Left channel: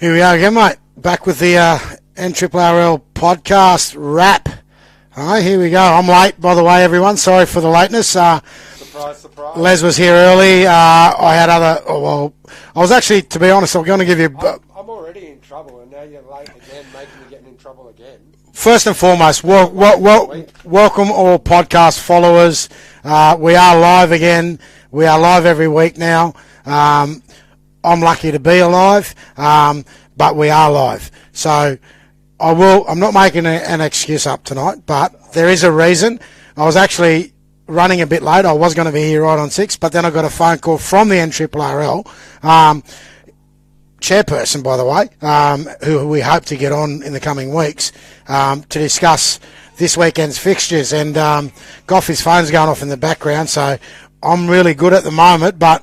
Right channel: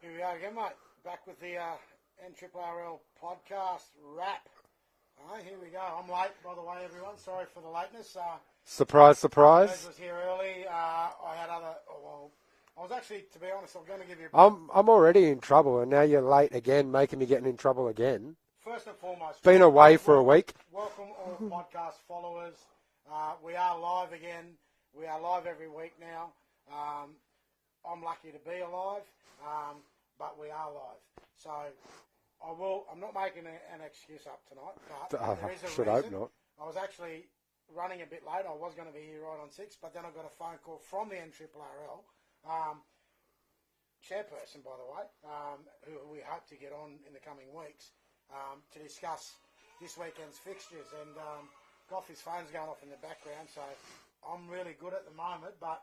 Here we are again, mate. Back with the NRRRL podcast wrap. All right, here we go. I'm late, by the way, everyone. Sorry for the lateness. Surprise, surprise. Les was here early. I had other... I was actually, to be honest, I'm going to give you... I'm already in trouble, and now you're late again, making me getting in trouble again. First and foremost, welcome all podcast followers. We are live again. We are live every week now. I'm lucky to be alive, but we are live. So I'm not making an excuse up tonight, but there is a reason. I was actually running a bit late. I was going to be here right on 6, but then I got a phone call from the NRRRL, chairperson, by the way, who we hope to get on in the coming weeks to discuss this weekend's fixtures. And Goffy's phone's going off in the background, so I'm really good at the moment, but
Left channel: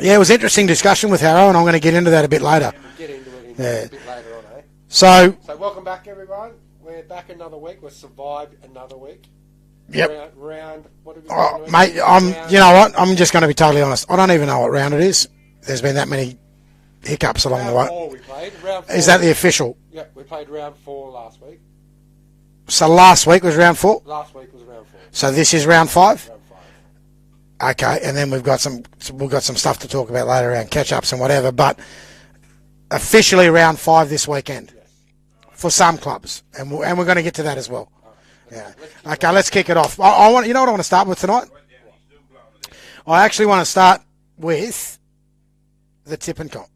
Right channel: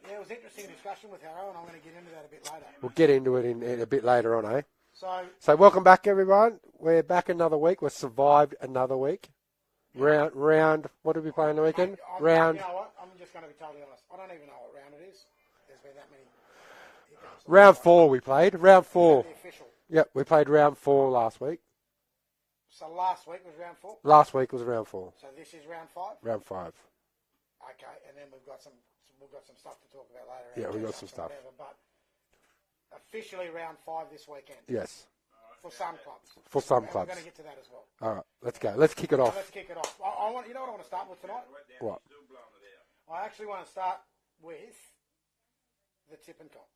yeah, it was an interesting discussion with Harrow, and I'm going to get into that a bit later. We'll get into it a bit later on, eh? So welcome back, everyone. We're back another week. We've survived another week. Yep. Round what have we done? Mate, you know what? I'm just going to be totally honest. I don't even know what round it is. There's been that many hiccups along the way. Round 4 we played. Round 4. Is that the official? Yep, we played round 4 last week. So last week was round 4? Last week was round 4. So this is round 5? Round 5. Okay, and then we've got some stuff to talk about later around catch-ups and whatever, but officially round 5 this weekend. Yes. For some clubs, and we're going to get to that as well. All right, let's go. Let's kick it off. Okay, let's kick it off. I want, you know what I want to start with tonight? What? I actually want to start with the tip and comp.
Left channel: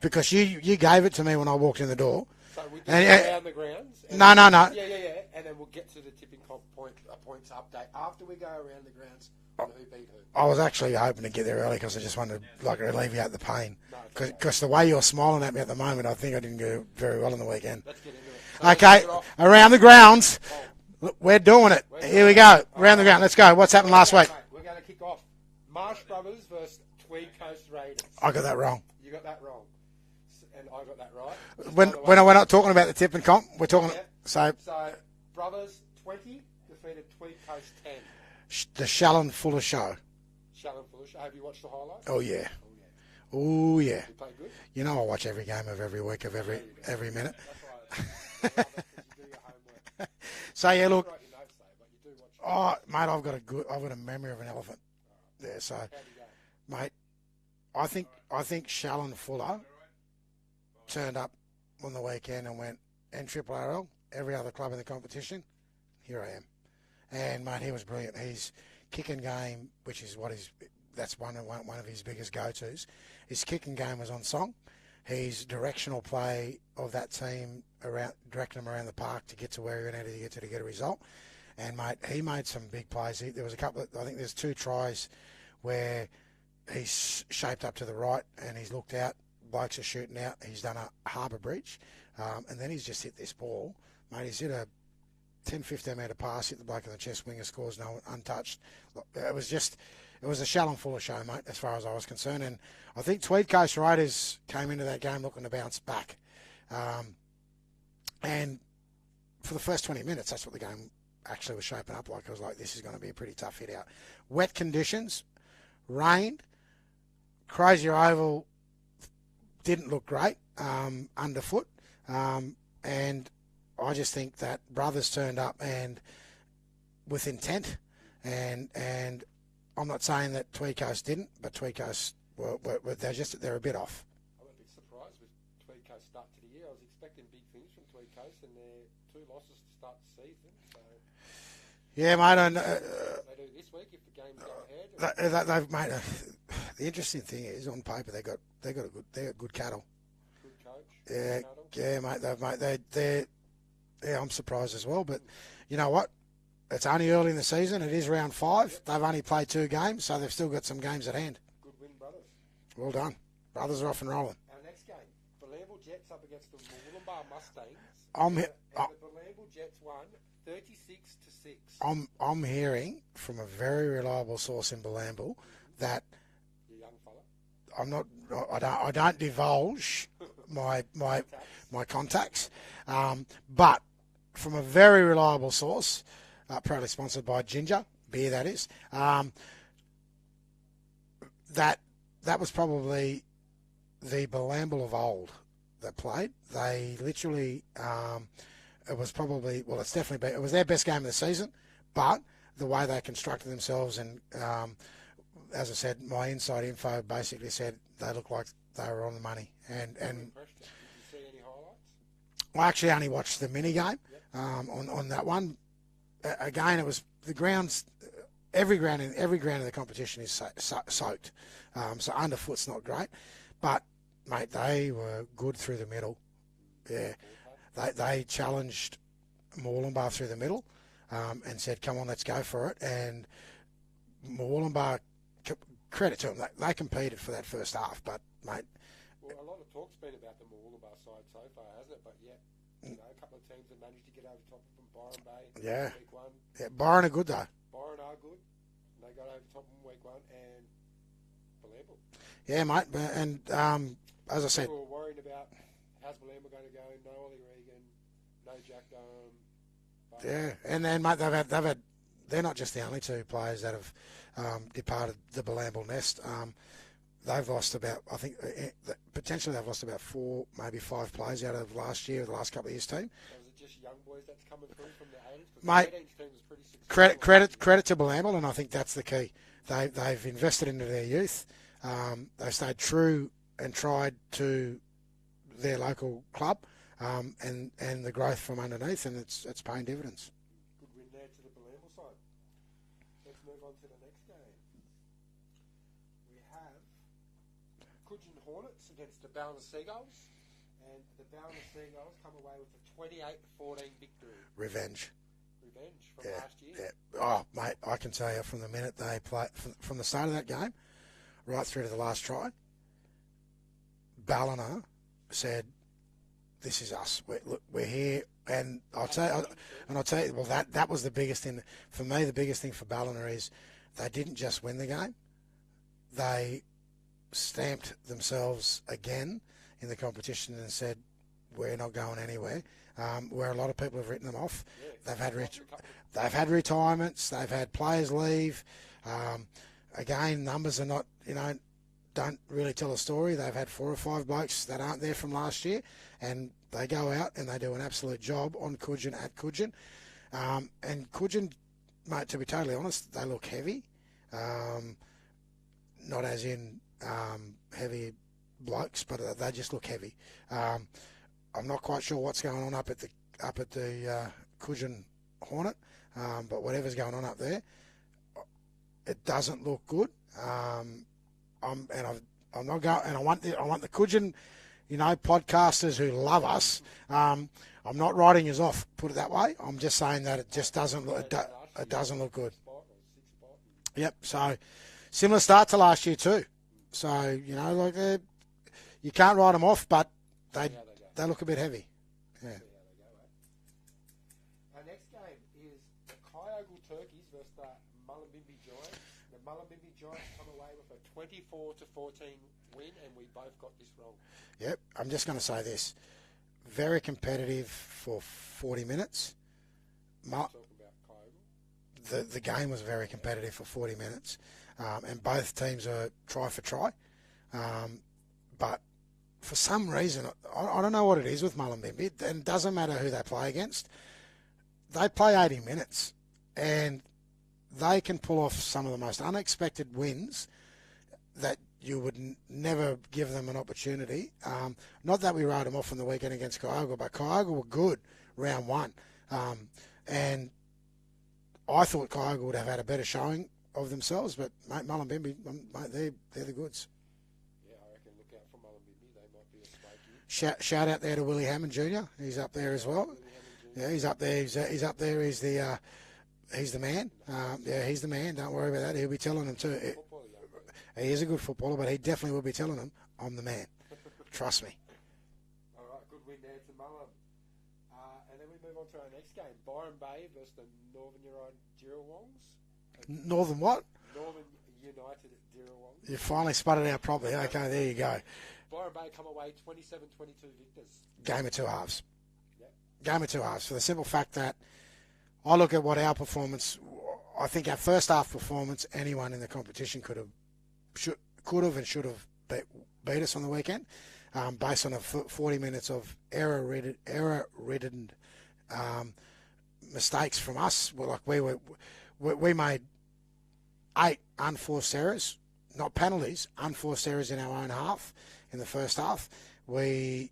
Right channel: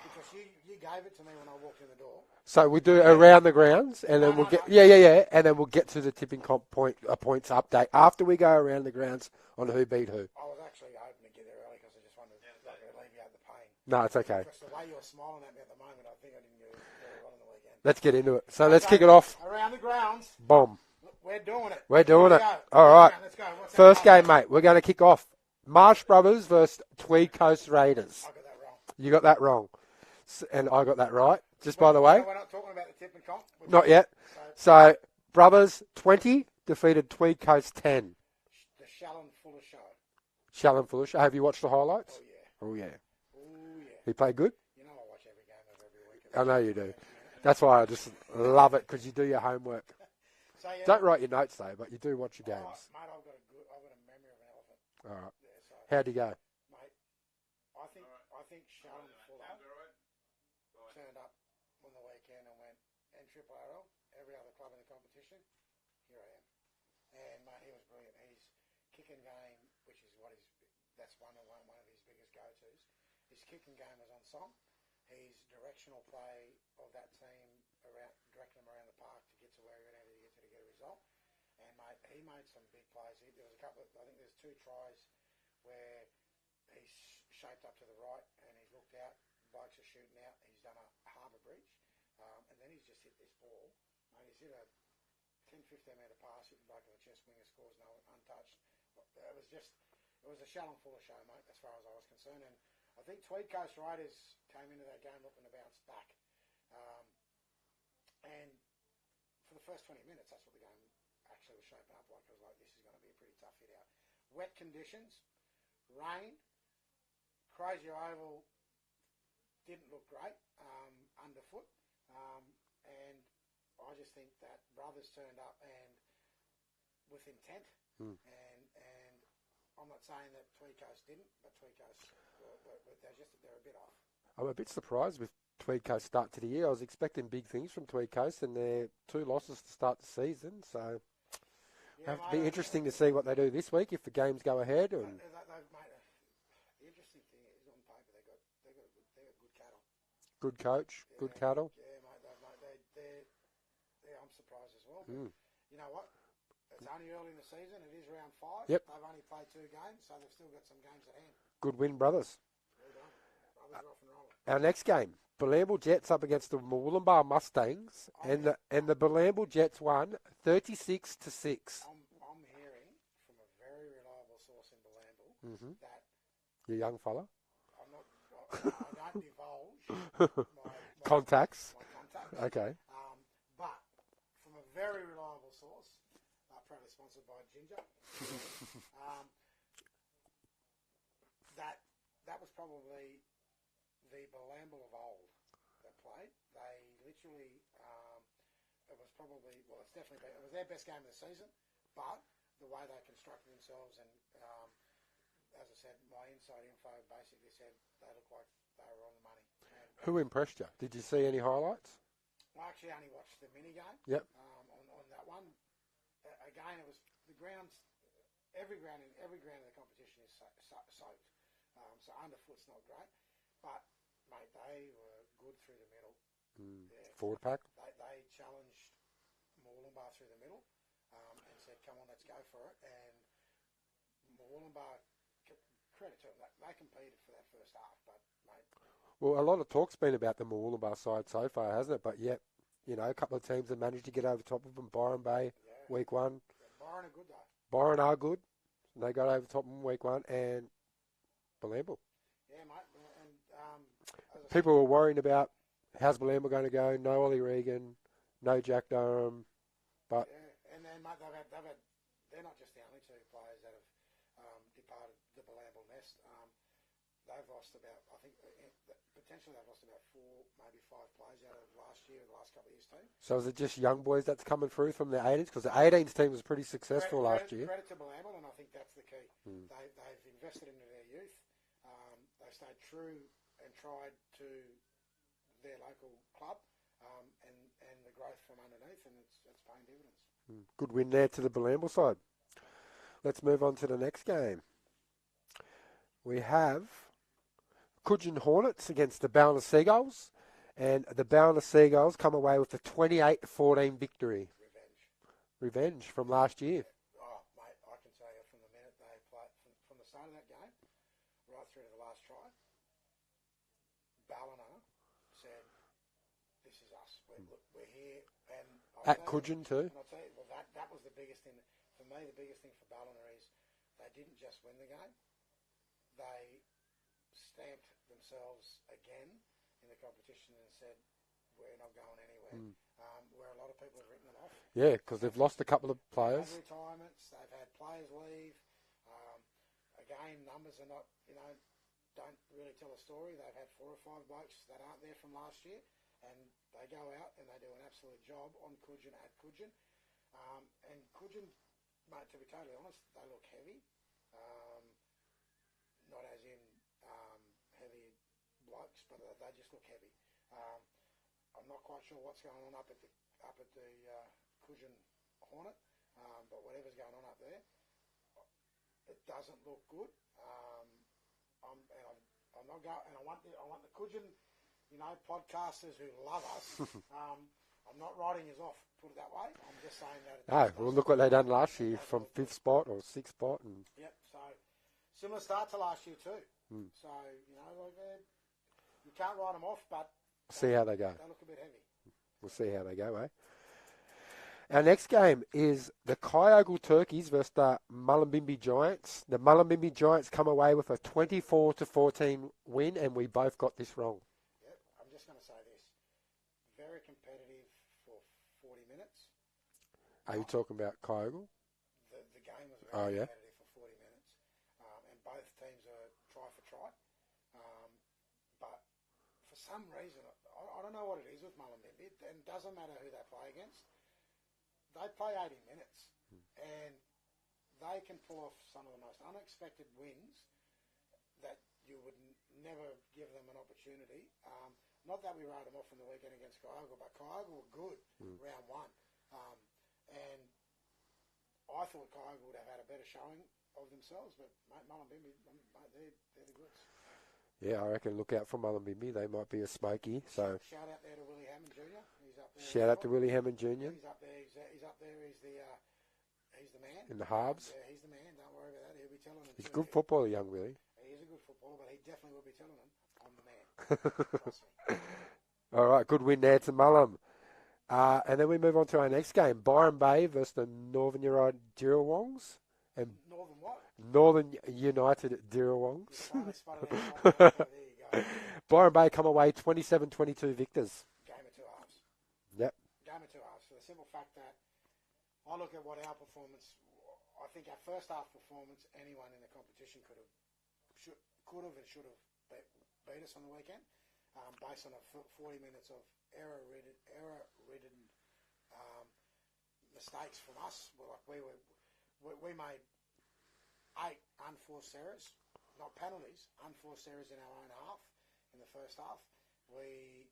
Because you gave it to me when I walked in the door. So we do around the grounds. And no. Yeah. And then we'll get to the tipping comp points update after we go around the grounds on who beat who. I was actually hoping to get there early because I just wanted to alleviate the pain. No, it's okay. Because the way you're smiling at me at the moment, I think I didn't go very well on the weekend. Let's get into it. So okay, let's kick it off. Around the grounds. Boom. We're doing it. Here we go. Around the ground. Let's go. What's happened last week? Mate, we're going to kick off Marsh Brothers versus Tweed Coast Raiders. I got that wrong. You got that wrong. And I got that right. By the way, we're not talking about the tip and comp. We're talking not yet. So Brothers 20 defeated Tweed Coast 10. The Shallon Fuller show. Shallon Fuller show. Have you watched the highlights? Oh yeah. Oh yeah. Oh yeah. He played good. You know I watch every game of every week of I know you do. Every minute. That's why I just love it because you do your homework. So yeah, don't write your notes though, but you do watch your games. Oh mate, I've got a memory of an elephant. All right. Yeah. So how'd you go, mate? I think Shallon Fuller turned up on the weekend and went NRRRL, every other club in the competition. Here I am, and mate, he was brilliant. His kicking game, which is that's one of his biggest go-tos. His kicking game was on song. His directional play of that team directing them around the park to get to where he needed to get to get a result. And mate, he made some big plays. There was I think there's 2 tries where he's shaped up to the right and he's looked out. Blokes are shooting out. He's done a harbour breach, and then he's just hit this ball, mate. He's hit a 10-15 metre pass, hit the bloke in the chest, winger scores, no untouched. It was a Shallon Fuller show, mate, as far as I was concerned. And I think Tweed Coast Raiders came into that game looking to bounce back. And for the first 20 minutes, that's what the game actually was shaping up like. I was like, this is going to be a pretty tough hit out. Wet conditions, rain, Crozier Oval didn't look great underfoot. And I just think that Brothers turned up and with intent. And I'm not saying that Tweed Coast didn't, but Tweed Coast they're a bit off. I'm a bit surprised with Tweed Coast start to the year. I was expecting big things from Tweed Coast, and their 2 losses to start the season. So yeah, mate. Interesting to see what they do this week if the games go ahead. They've made the interesting thing is on paper they got good cattle. Good coach. Yeah, good cattle. Yeah, mate. I'm surprised as well, but you know what? It's only early in the season. It is round 5. Yep. They've only played 2 games, so they've still got some games at hand. Good win, Brothers. Well done. Brothers are off and rolling. Our next game, Balambal Jets up against the Moolumbar Mustangs. The Balambal Jets won 36-6. I'm hearing from a very reliable source in Balambal that the young fella. I don't divulge my contacts. Okay. But from a very reliable source, proudly sponsored by Ginger beer, that is. That was probably the Bilambil of old that played. They literally, it was probably, well, it's definitely, it was their best game of the season, but the way they constructed themselves and, as I said, my inside info basically said they looked like they were on the money. And who impressed you? Did you see any highlights? I actually only watched the mini game. Yep. On that one. Again, it was the grounds. Every ground in the competition is soaked, so underfoot's not great. But mate, they were good through the middle. Yeah, forward pack. They challenged Moorlambar through the middle, and said, "Come on, let's go for it." And Moorlambar, credit to them, they competed for that first half. But mate. Well, a lot of talk's been about the Moorlambar side so far, hasn't it? But yet, you know, a couple of teams have managed to get over top of them. Byron Bay, week one. Yeah, Byron are good though. Byron are good. They got over top of them week one, and Bilambil. Yeah, mate. And as I said, people were worrying about how's Bilambil going to go. No Ollie Regan, no Jack Durham. But yeah, and then mate, they've had. They're not just the only two players that have departed the Bilambil nest. They've lost about, I think, potentially they've lost about 4, maybe 5 players out of last year, the last couple of years' team. So is it just young boys that's coming through from the 18s? Because the 18s team was pretty successful. Credit to Bilambil, and I think that's the key. They've invested into their youth. They've stayed true and tried to their local club, and the growth from underneath, and it's paying dividends. Good win there to the Bilambil side. Let's move on to the next game. We have Coogin Hornets against the Ballina Seagulls, and the Ballina Seagulls come away with a 28-14 victory. Revenge from last year. Yeah. Oh, mate, I can tell you from the minute they played, from the start of that game right through to the last try, Ballina said, "This is us. We're here." And I'll tell you, well, that was the biggest thing for me. The biggest thing for Ballina is they didn't just win the game; they stamped themselves again in the competition and said, "We're not going anywhere." Where a lot of people have written them off. Yeah, they've lost a couple of players. They've had retirements. They've had players leave. Again, numbers are not, don't really tell a story. They've had 4 or 5 blokes that aren't there from last year, and they go out and they do an absolute job on Coogin at Coogin. And Coogin, mate, to be totally honest, they look heavy. Not as in heavy blokes, but they just look heavy. I'm not quite sure what's going on up at the Coogin Hornet, but whatever's going on up there, it doesn't look good. I'm not going, and I want the Coogin, podcasters who love us. I'm not writing us off. Put it that way. I'm just saying that it just doesn't look. It doesn't look good. Spot or 6th spot. Yep. So similar start to last year too. So you can't write them off, but see how they go. They look a bit heavy. We'll see how they go, eh? Our next game is the Kyogle Turkeys versus the Mullumbimby Giants. The Mullumbimby Giants come away with a 24-14 win, and we both got this wrong. Yep. I'm just going to say this. Very competitive for 40 minutes. Are you talking about Kyogle? The game was very competitive for 40 minutes, and both teams are try for try. But for some reason, I don't know what it is with Mullumbimby, and it doesn't matter who they play against. They play 80 minutes, and they can pull off some of the most unexpected wins that you would never give them an opportunity. Not that we wrote them off on the weekend against Kyogle, but Kyogle were good round one. And I thought Kyogle would have had a better showing of themselves, but mate, Mullumbimby, mate, they're the goods. Yeah, I reckon look out for Mullumbimby. They might be a smoky. Shout out there to Willie Hammond Jr. He's up there as well. Shout out to Willie Hammond Jr. Yeah, he's up there. He's up there. He's the man. Yeah, he's the man. Don't worry about that. He'll be telling them too. Good footballer, young Willie. He is a good footballer, but he definitely will be telling them, "I'm the man." Trust me. All right, good win there to Mullum. And then we move on to our next game: Byron Bay versus the Northern United Dirrawongs. Northern what? Northern United Dirrawongs. You finally spotted it out properly. Okay, there you go. Byron Bay come away 27-22 victors. Game of two halves. Yep. Game of two halves. For the simple fact that I look at what our performance, I think our first half performance, anyone in the competition could have and should have beat us on the weekend, based on 40 minutes of error-ridden mistakes from us. We made 8 unforced errors, not penalties, unforced errors in our own half in the first half. The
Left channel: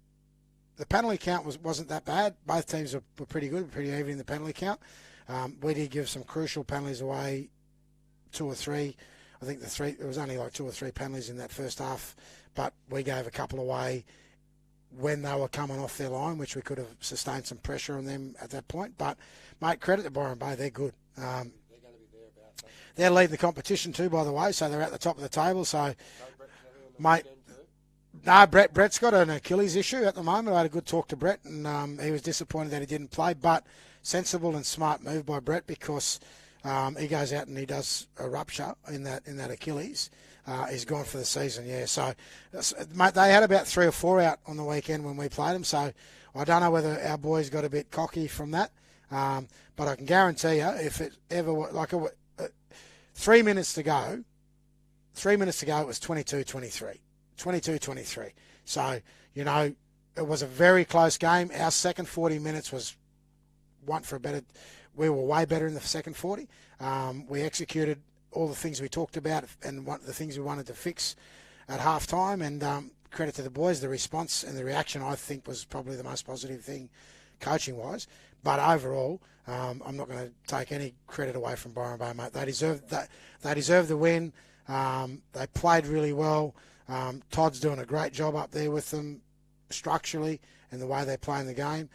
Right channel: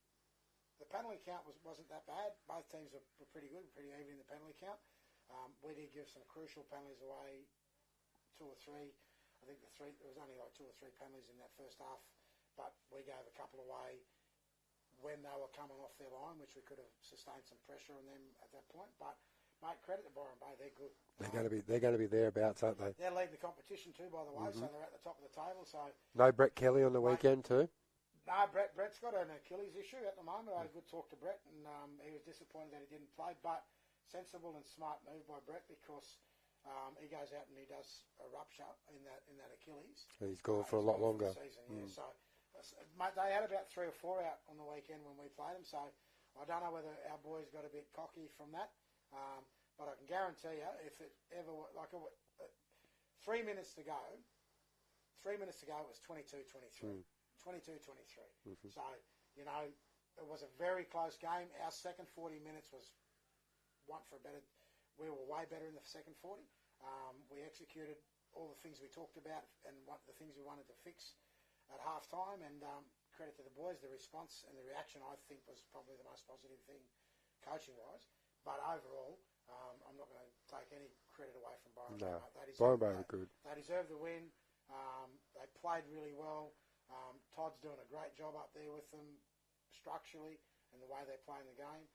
penalty count wasn't that bad. Both teams were pretty good, pretty even in the penalty count. We did give some crucial penalties away, 2 or 3. I think it was only like 2 or 3 penalties in that first half, but we gave a couple away when they were coming off their line, which we could have sustained some pressure on them at that point. But, mate, credit to Byron Bay, they're good. They're going to be thereabouts, aren't they? They're leading the competition too, by the way, so they're at the top of the table. So no Brett Kelly on the weekend too? No, Brett's got an Achilles issue at the moment. I had a good talk to Brett, and he was disappointed that he didn't play, but sensible and smart move by Brett because he goes out and he does a rupture in that Achilles. He's gone for the season, yeah. So, mate, they had about 3 or 4 out on the weekend when we played them, so I don't know whether our boys got a bit cocky from that. But I can guarantee you, if it ever, 3 minutes to go, it was 22-23. 22-23. So, it was a very close game. Our second 40 minutes was we were way better in the second 40. We executed all the things we talked about and the things we wanted to fix at halftime. And credit to the boys, the response and the reaction, I think, was probably the most positive thing coaching-wise. But overall, I'm not going to take any credit away from Byron Bay, mate. They deserve the win. They played really well. Todd's doing a great job up there with them structurally and the way they're playing the game.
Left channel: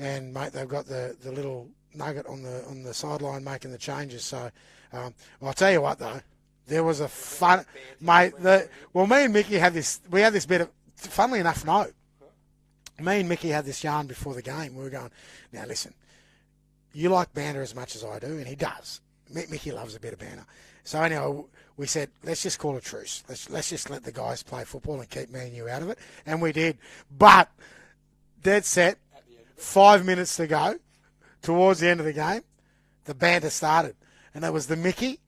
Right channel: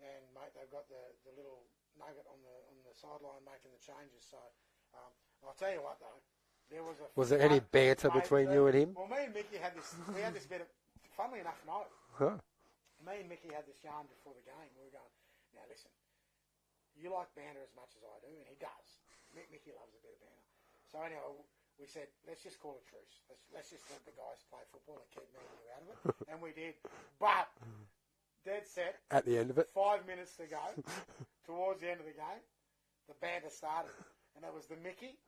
And, mate, they've got the little nugget on the sideline making the changes. So I'll tell you what, though. There was a fun banter between you and him? Well, me and Mickey had this bit of, funnily enough, no. Huh. Me and Mickey had this yarn before the game. We were going, now listen, you like banter as much as I do, and he does. Mickey loves a bit of banter. So anyway, we said, let's just call a truce. Let's just let the guys play football and keep me and you out of it. And we did. But dead set. At the end of it. 5 minutes to go, towards the end of the game, the banter started. And it was the Mickey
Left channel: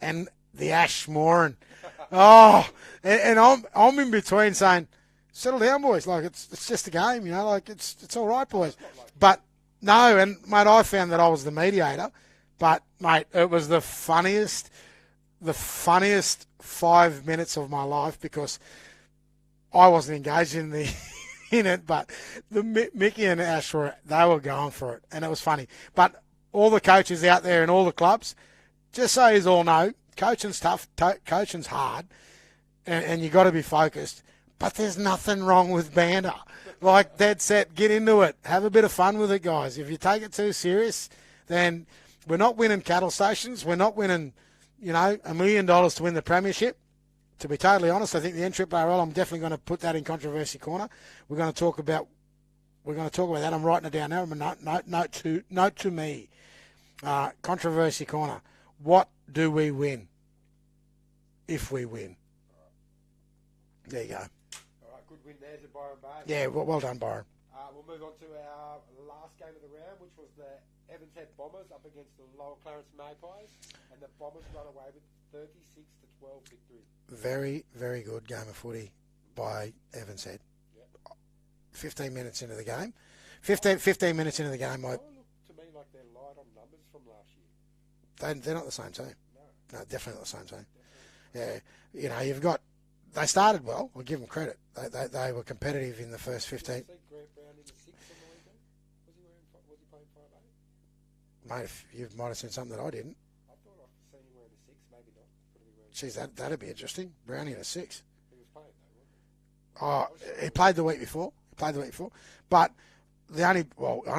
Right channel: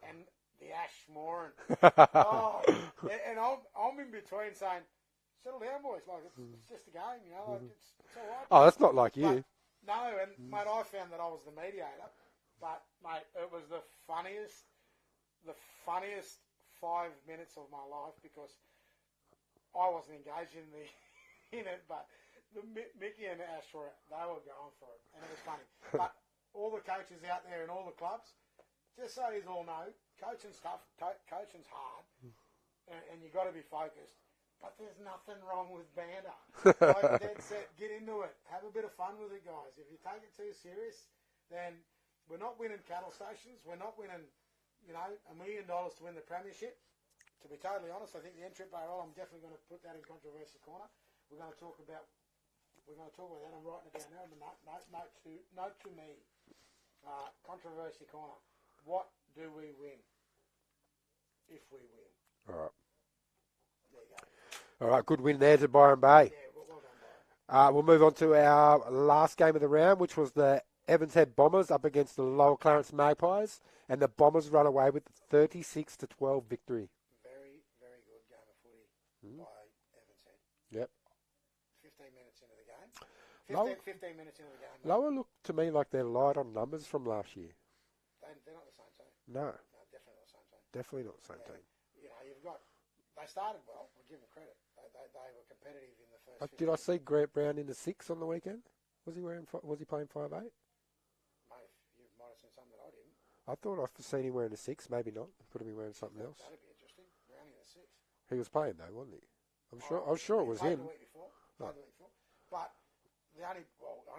and the Ash Moran. And I'm in between saying, settle down, boys. Like, it's just a game, like, it's all right, boys. Oh, that's not like you. But, no, and, mate, I found that I was the mediator. But, mate, it was the funniest 5 minutes of my life because I wasn't engaged in it, but the Mickey and Ash were going for it, and it was funny. But all the coaches out there in all the clubs, just so you all know, coaching's tough, coaching's hard, and you got to be focused. But there's nothing wrong with banter. Like, dead set, get into it, have a bit of fun with it, guys. If you take it too serious, then we're not winning cattle stations. We're not winning, $1 million to win the premiership. To be totally honest, I think the NRRRL, I'm definitely going to put that in controversy corner. We're going to talk about that. I'm writing it down now. Note to me. Controversy corner. What do we win if we win? All right. There you go. All right, good win there to Byron Bay. Yeah, well done, Byron. We'll move on to our last game of the round, which was the Evans Head Bombers up against the Lower Clarence Magpies, and the Bombers run away with 36-12 victory. Very, very good game of footy by Evans Head. Yep. 15 minutes into the game. 15 minutes into the game. Lower looked to me like they're light on numbers from last year. They're not the same team. No, definitely not the same team. Definitely not the same team. You've got. They started well. I'll give them credit. They were competitive in the first 15. Did I see Grant Brown in the 6 on the weekend? Was he playing 5'8"? Mate, you might have seen something that I didn't. I thought I've seen him wearing a 6. Maybe not. Could have been wearing. Jeez, that'd be interesting. Brownie in a 6. He was playing though, wasn't he? I'm sure he played the week before. But I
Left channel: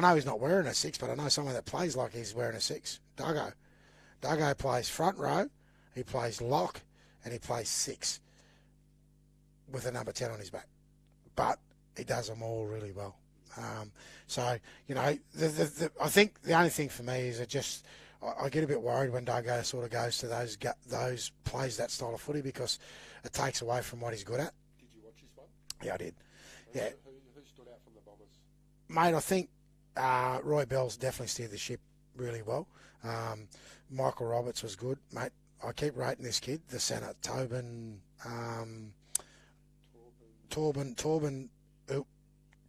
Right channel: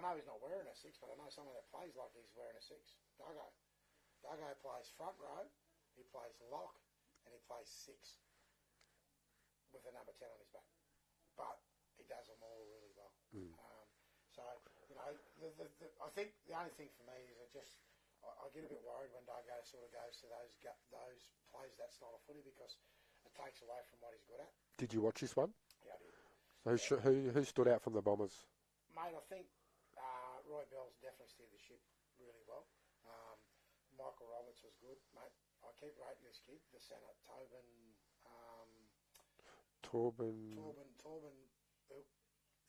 know he's not wearing a 6, but I know someone that plays like he's wearing a 6. Duggo plays front row, he plays lock, and he plays 6 with a number 10 on his back. But he does them all really well. So, I think the only thing for me is I get a bit worried when Duggo sort of goes to those plays that style of footy because it takes away from what he's good at. Did you watch this one? Yeah, I did. Who stood out from the Bombers? Mate, I think Roy Bell's definitely steered the ship really well. Michael Roberts was good. Mate, I keep rating this kid, the centre, Tobin, Torben.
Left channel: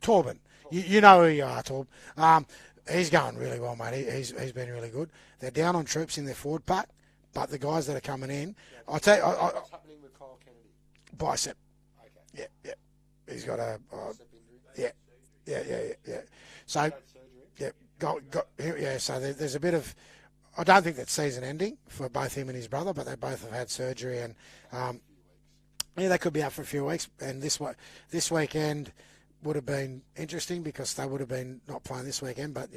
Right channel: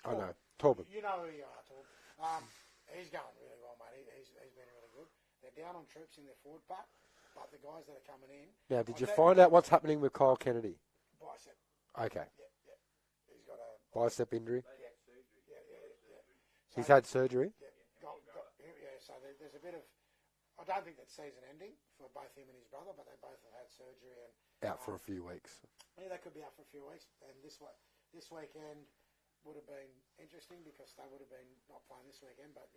Torben. You know who you are, Torb. He's going really well, mate. He's been really good. They're down on troops in their forward pack, but the guys that are coming in... Now, did you find out what's happening with Kyle Kennedy? Bicep. Okay. Yeah. He's got a... Bicep injury? Yeah. So, he's had surgery? Yeah, so there's a bit of... I don't think that's season ending for both him and his brother, but they both have had surgery and... Out for a few weeks. Yeah, they could be out for a few weeks. And this weekend would have been interesting because they would have been not playing this weekend, but,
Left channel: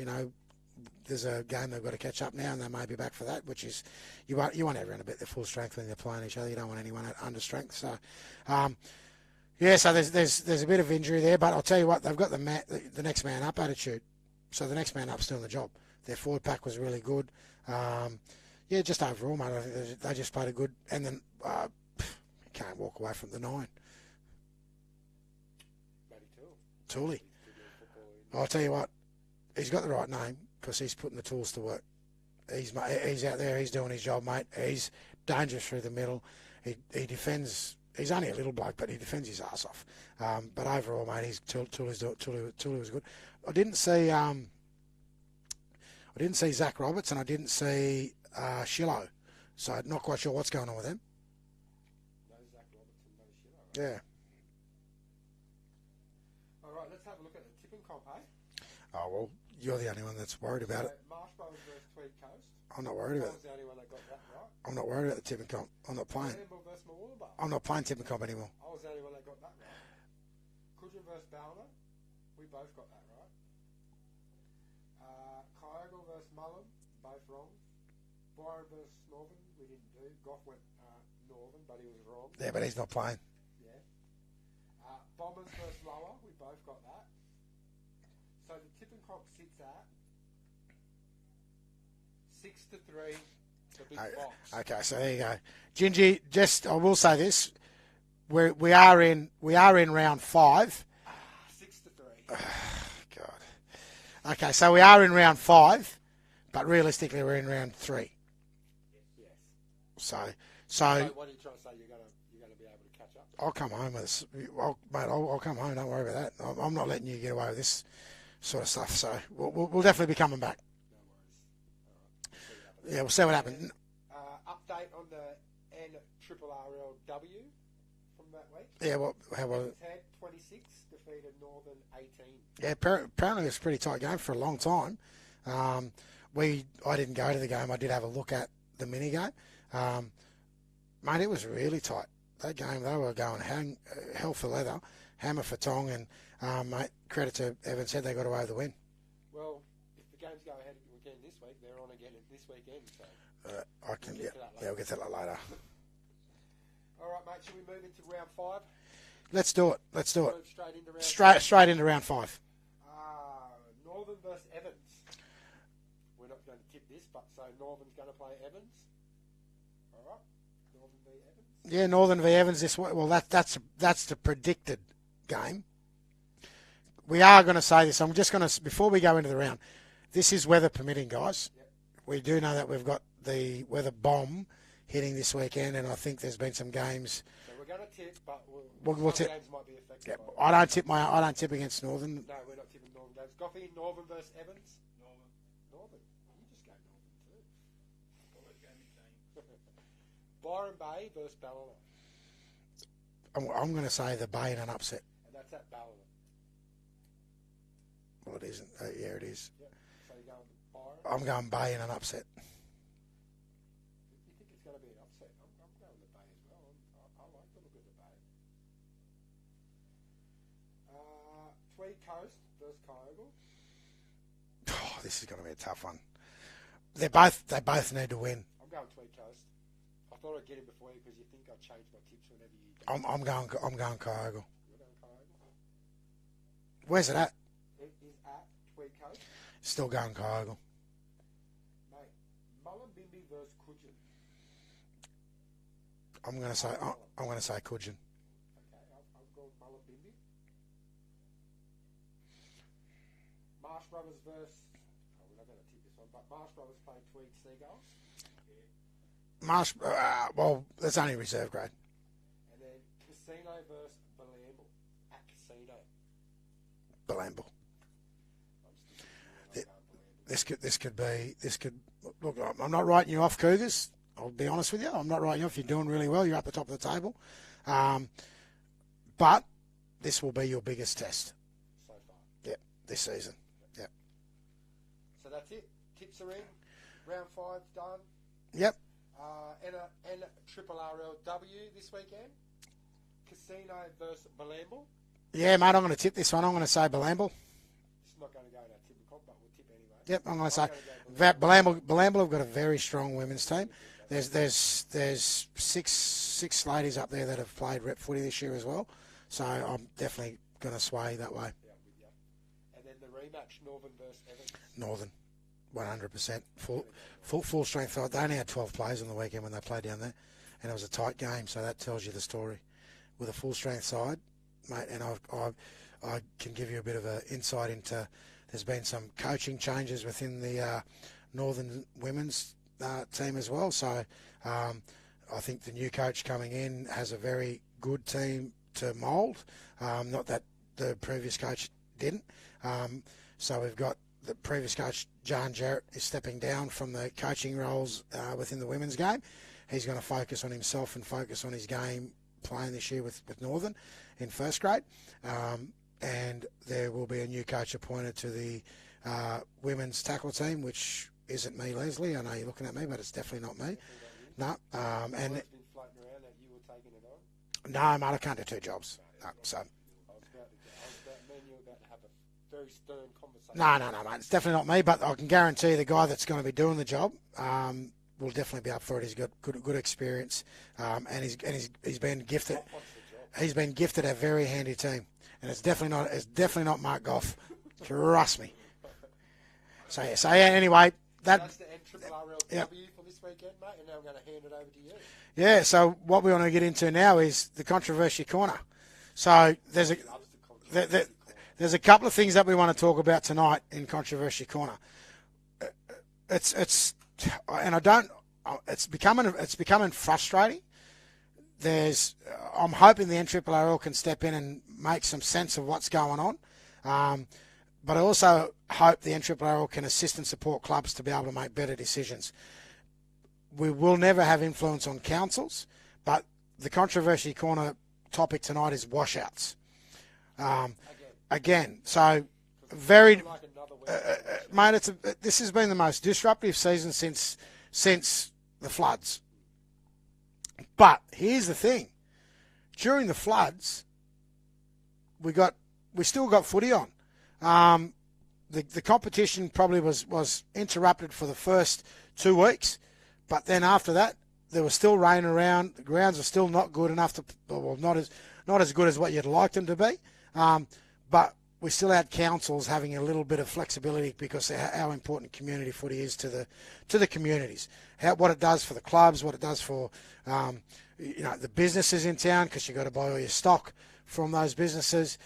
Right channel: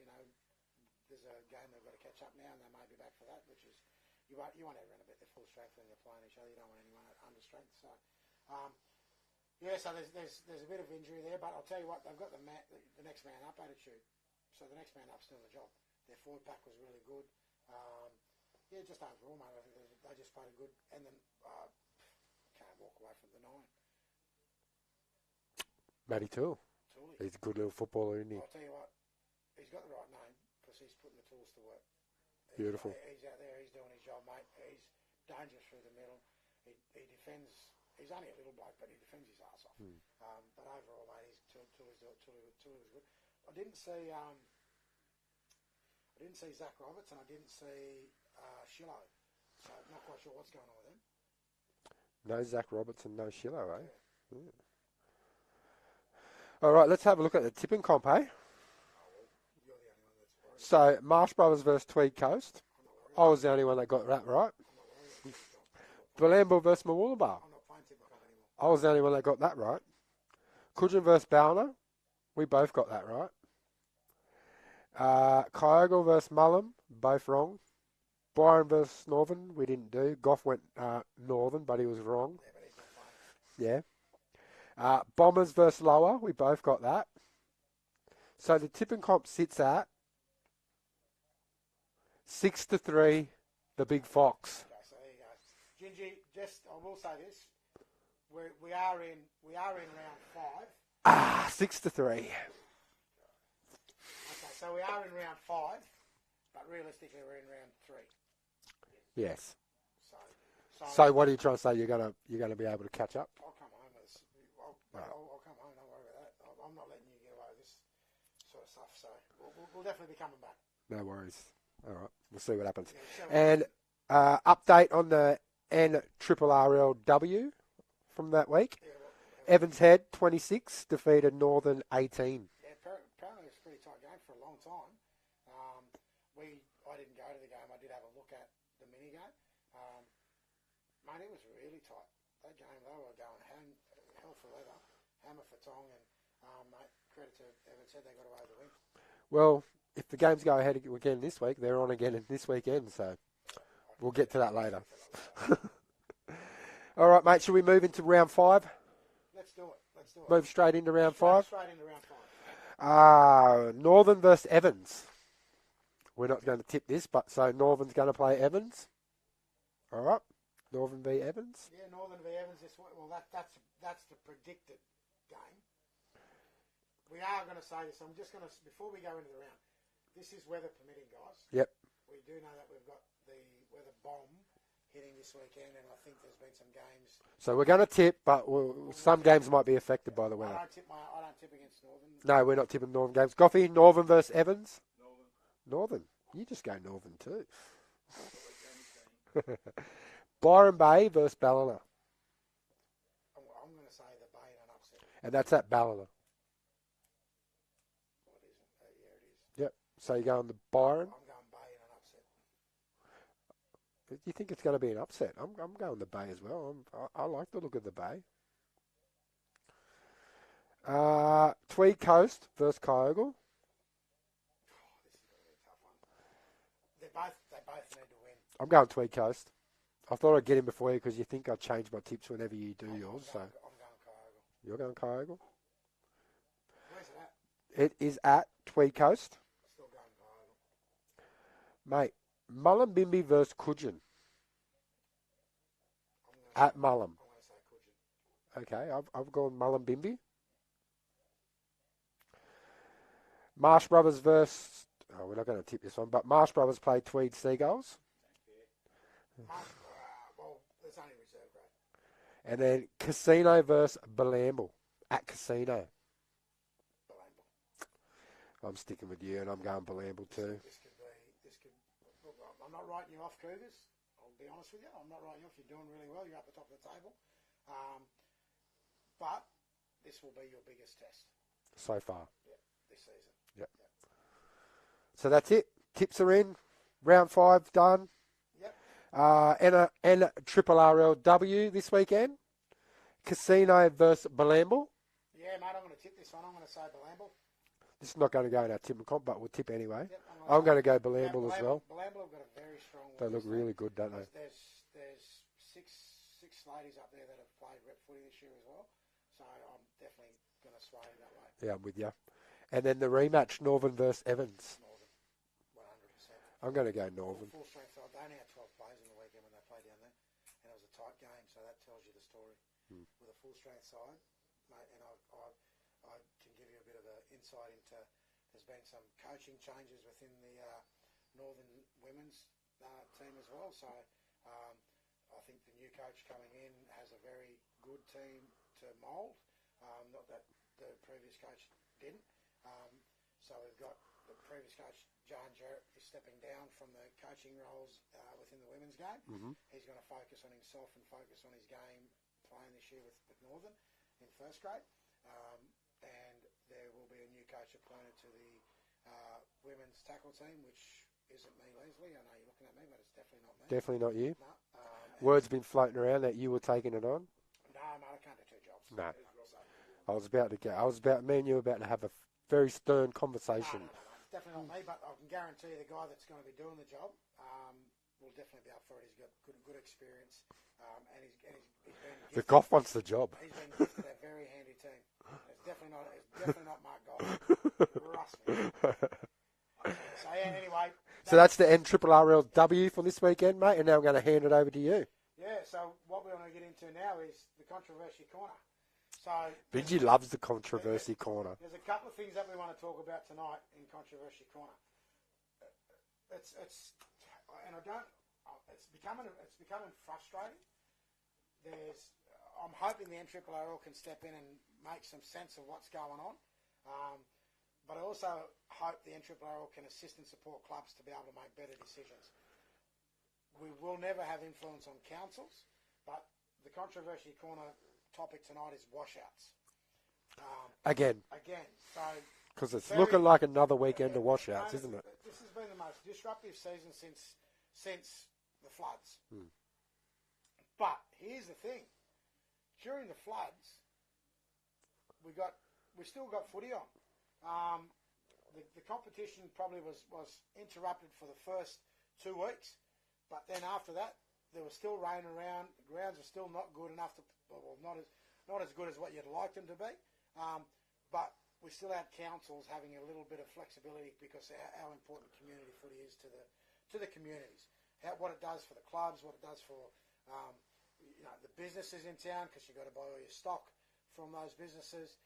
there's a game they've got to catch up now, and they may be back for that, which is you want everyone to be at their full strength when they're playing each other. You don't want anyone at under strength. So, so there's a bit of injury there, but I'll tell you what, they've got the next man up attitude. So the next man up's doing the job. Their forward pack was really good. Just overall, mate, I think they just played a good, and then can't walk away from the 9. Matty Tooley. He's a good little footballer. I'll tell you what, he's got the right name because he's putting the tools to work. He's out there. He's doing his job, mate. He's dangerous through the middle. He defends. He's only a little bloke, but he defends his ass off. But overall, mate, Tooley was good. I didn't see Zach Roberts and I didn't see Shillo, so I'm not quite sure what's going on with them. No Zach Roberts and no Shillo. Yeah. All right, let's have a look at the tipping comp, eh? Oh, well, you're the only one that's worried about it. So, Marsh Brothers versus Tweed Coast. I'm not worried I was the only one that got that right. I'm not worried about the tipping comp. I'm not playing. Valambo versus Mooloolaba. I'm not playing tipping comp anymore. I was the only one that got that right. Coogin versus Ballina. We both got that right. Kyogle versus Mullum. Both wrong. Byron versus Northern. We didn't do. Goff went Northern, but he was wrong. Yeah, but he's not playing. Yeah. Bombers versus Lower. We both got that. So the tipping comp sits at 6-3, the Big Fox. Okay, so there you go. Gingy, I will say this. We are in round 5. 6-3. God. Okay, so we are in round 5, but realistically we're in round 3. Yes. So what are you trying to say? You're gonna be able to catch up? I'll come home with this. I'll come home. Don't worry about that. I'm not letting you get away with this sort of stuff. So we'll definitely be coming back. No worries. All right. We'll see what happens. Yeah, we'll see what happens. And update on the NRRRL from that week. Yeah, Evans Head 26 defeated Northern 18. Yeah, apparently it was a pretty tight game for a long time. I didn't go to the game. I did have a look at the mini game. Mate, it was really tight. That game, they were going hell for leather, hammer for tong, and mate, credit to Evans Head, they got away with the win. Well, if the games go ahead again this week, they're on again this weekend, so we'll get to that later. Yeah, we'll get to that later. All right, mate, should we move into round 5? Let's do it. Move straight into round 5? Straight into round 5. Northern versus Evans. We're not going to tip this, but so Northern's going to play Evans. All right. Northern v Evans? Yeah, Northern v Evans this way. Well, that's the predicted game. We are going to say this. I'm just going to, before we go into the round, this is weather permitting, guys. Yep. We do know that we've got the weather bomb hitting this weekend, and I think there's been some games. So we're going to tip, but some games might be affected by the weather. I don't tip against Northern. No, we're not tipping Northern games. Goffey, Northern versus Evans? Northern. You just go Northern too. Byron Bay versus Ballina. I'm going to say the Bay in an upset. And that's at Ballina. Well, it isn't. Yeah, it is. Yep. So you're going to Byron? I'm going Bay in an upset. You think it's going to be an upset? I'm going the Bay as well. I like the look of the Bay. Tweed Coast versus Kyogle. Oh, this is going to be a tough one. They both need to win. I'm going Tweed Coast. I thought I'd get in before you because you think I'd change my tips whenever you do. I'm going Kyogle. You're going Kyogle? Where's it at? It is at Tweed Coast. Still going Kyogle. Mate, Mullumbimby versus Coogin. I'm going to say Mullum. I'm going to say Coogin. Okay, I've gone Mullumbimby. Marsh Brothers versus... Oh, we're not going to tip this one, but Marsh Brothers play Tweed Seagulls. Well, that's only reserve grade. And then Casino versus Belamble at Casino. Belamble. I'm sticking with you, and I'm going Belamble too. This could. Look, I'm not writing you off, Cougars. I'll be honest with you. I'm not writing you off. You're doing really well. You're at the top of the table. But this will be your biggest test. So far. Yep, this season. Yep. So that's it. Tips are in. Round 5 done. Yep. NRRRL this weekend. Casino versus Belamble. Yeah, mate, I'm going to tip this one. I'm going to say Belamble. This is not going to go in our tip and comp, but we'll tip anyway. Yep, I'm going to go Belamble. Belamble have got a very strong women's team. Really good, There's six ladies up there that have played rep footy this year as well. So I'm definitely going to sway that way. Yeah, I'm with you. And then the rematch, Northern versus Evans. Northern, 100%. I'm going to go Northern. Full strength side. They only had 12 players on the weekend when they played down there, and it was a tight game. So that tells you the story. With a full strength side, mate, and I can give you a bit of an insight into. There's been some coaching changes within the Northern women's team as well. So I think the new coach coming in has a very good team to mould. Not that the previous coach didn't. So we've got the previous coach, John Jarrett, is stepping down from the coaching roles within the women's game. Mm-hmm. He's going to focus on himself and focus on his game playing this year with Northern in first grade. And there will be a new coach appointed to the women's tackle team, which isn't me, Leslie. I know you're looking at me, but it's definitely not me. Definitely not you. No. Word's been floating around that you were taking it on. No, mate, I can't do two jobs. No. So me and you were about to have a very stern conversation. No, mate. It's definitely not me, but I can guarantee the guy that's going to be doing the job will definitely be up for it. He's got good experience, and he's been gifted. Goff wants the job. He's been gifted a very handy team, and it's definitely not Mark Goff. Trust me. So anyway. So that's the NRRRL for this weekend, mate, and now I'm going to hand it over to you. Yeah, so what we want to get into now is the controversy corner. So he loves the controversy corner. There's a couple of things that we want to talk about tonight in controversy corner. It's becoming frustrating. I'm hoping the NRRRL can step in and make some sense of what's going on. But I also hope the NRRRL can assist and support clubs to be able to make better decisions. We will never have influence on councils, but the controversy corner topic tonight is washouts. Again. So because it's looking like another weekend of washouts. Mate, this has been the most disruptive season since the floods. But here's the thing: during the floods, we still got footy on. The competition probably was interrupted for the first 2 weeks, but then after that, there was still rain around. The grounds are still not good enough not as good as what you'd like them to be. But we still had councils having a little bit of flexibility because of how important community footy is to the communities. What it does for the clubs, what it does for the businesses in town, because you've got to buy all your stock from those businesses.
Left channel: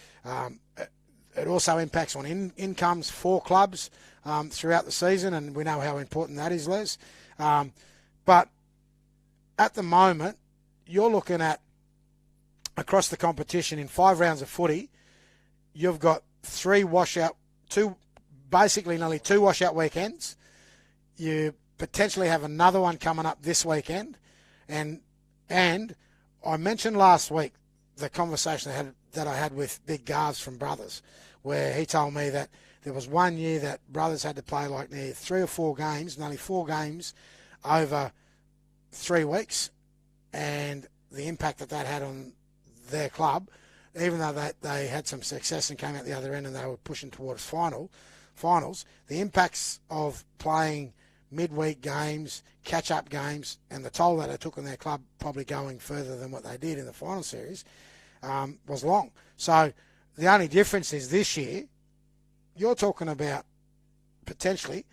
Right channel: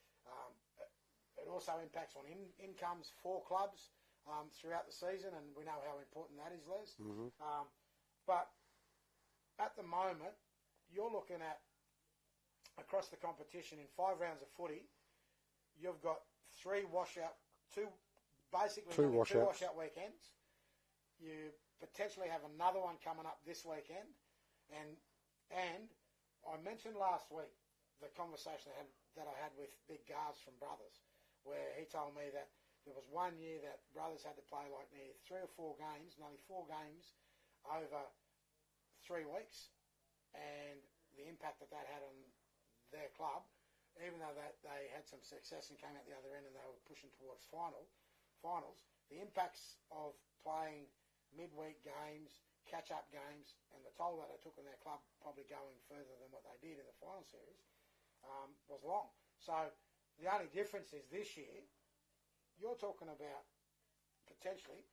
It also impacts on incomes for clubs throughout the season, and we know how important that is, Les. Mm-hmm. But at the moment, you're looking at, across the competition, in 5 rounds of footy, you've got 2 washout weekends. You potentially have another one coming up this weekend. And I mentioned last week the conversation that I had with Big Garves from Brothers, where he told me that there was one year that Brothers had to play like near 3 or 4 games, nearly 4 games over 3 weeks, and the impact that had on their club, even though they had some success and came out the other end and they were pushing towards finals, the impacts of playing midweek games, catch-up games, and the toll that it took on their club, probably going further than what they did in the final series, was long. So the only difference is this year, you're talking about potentially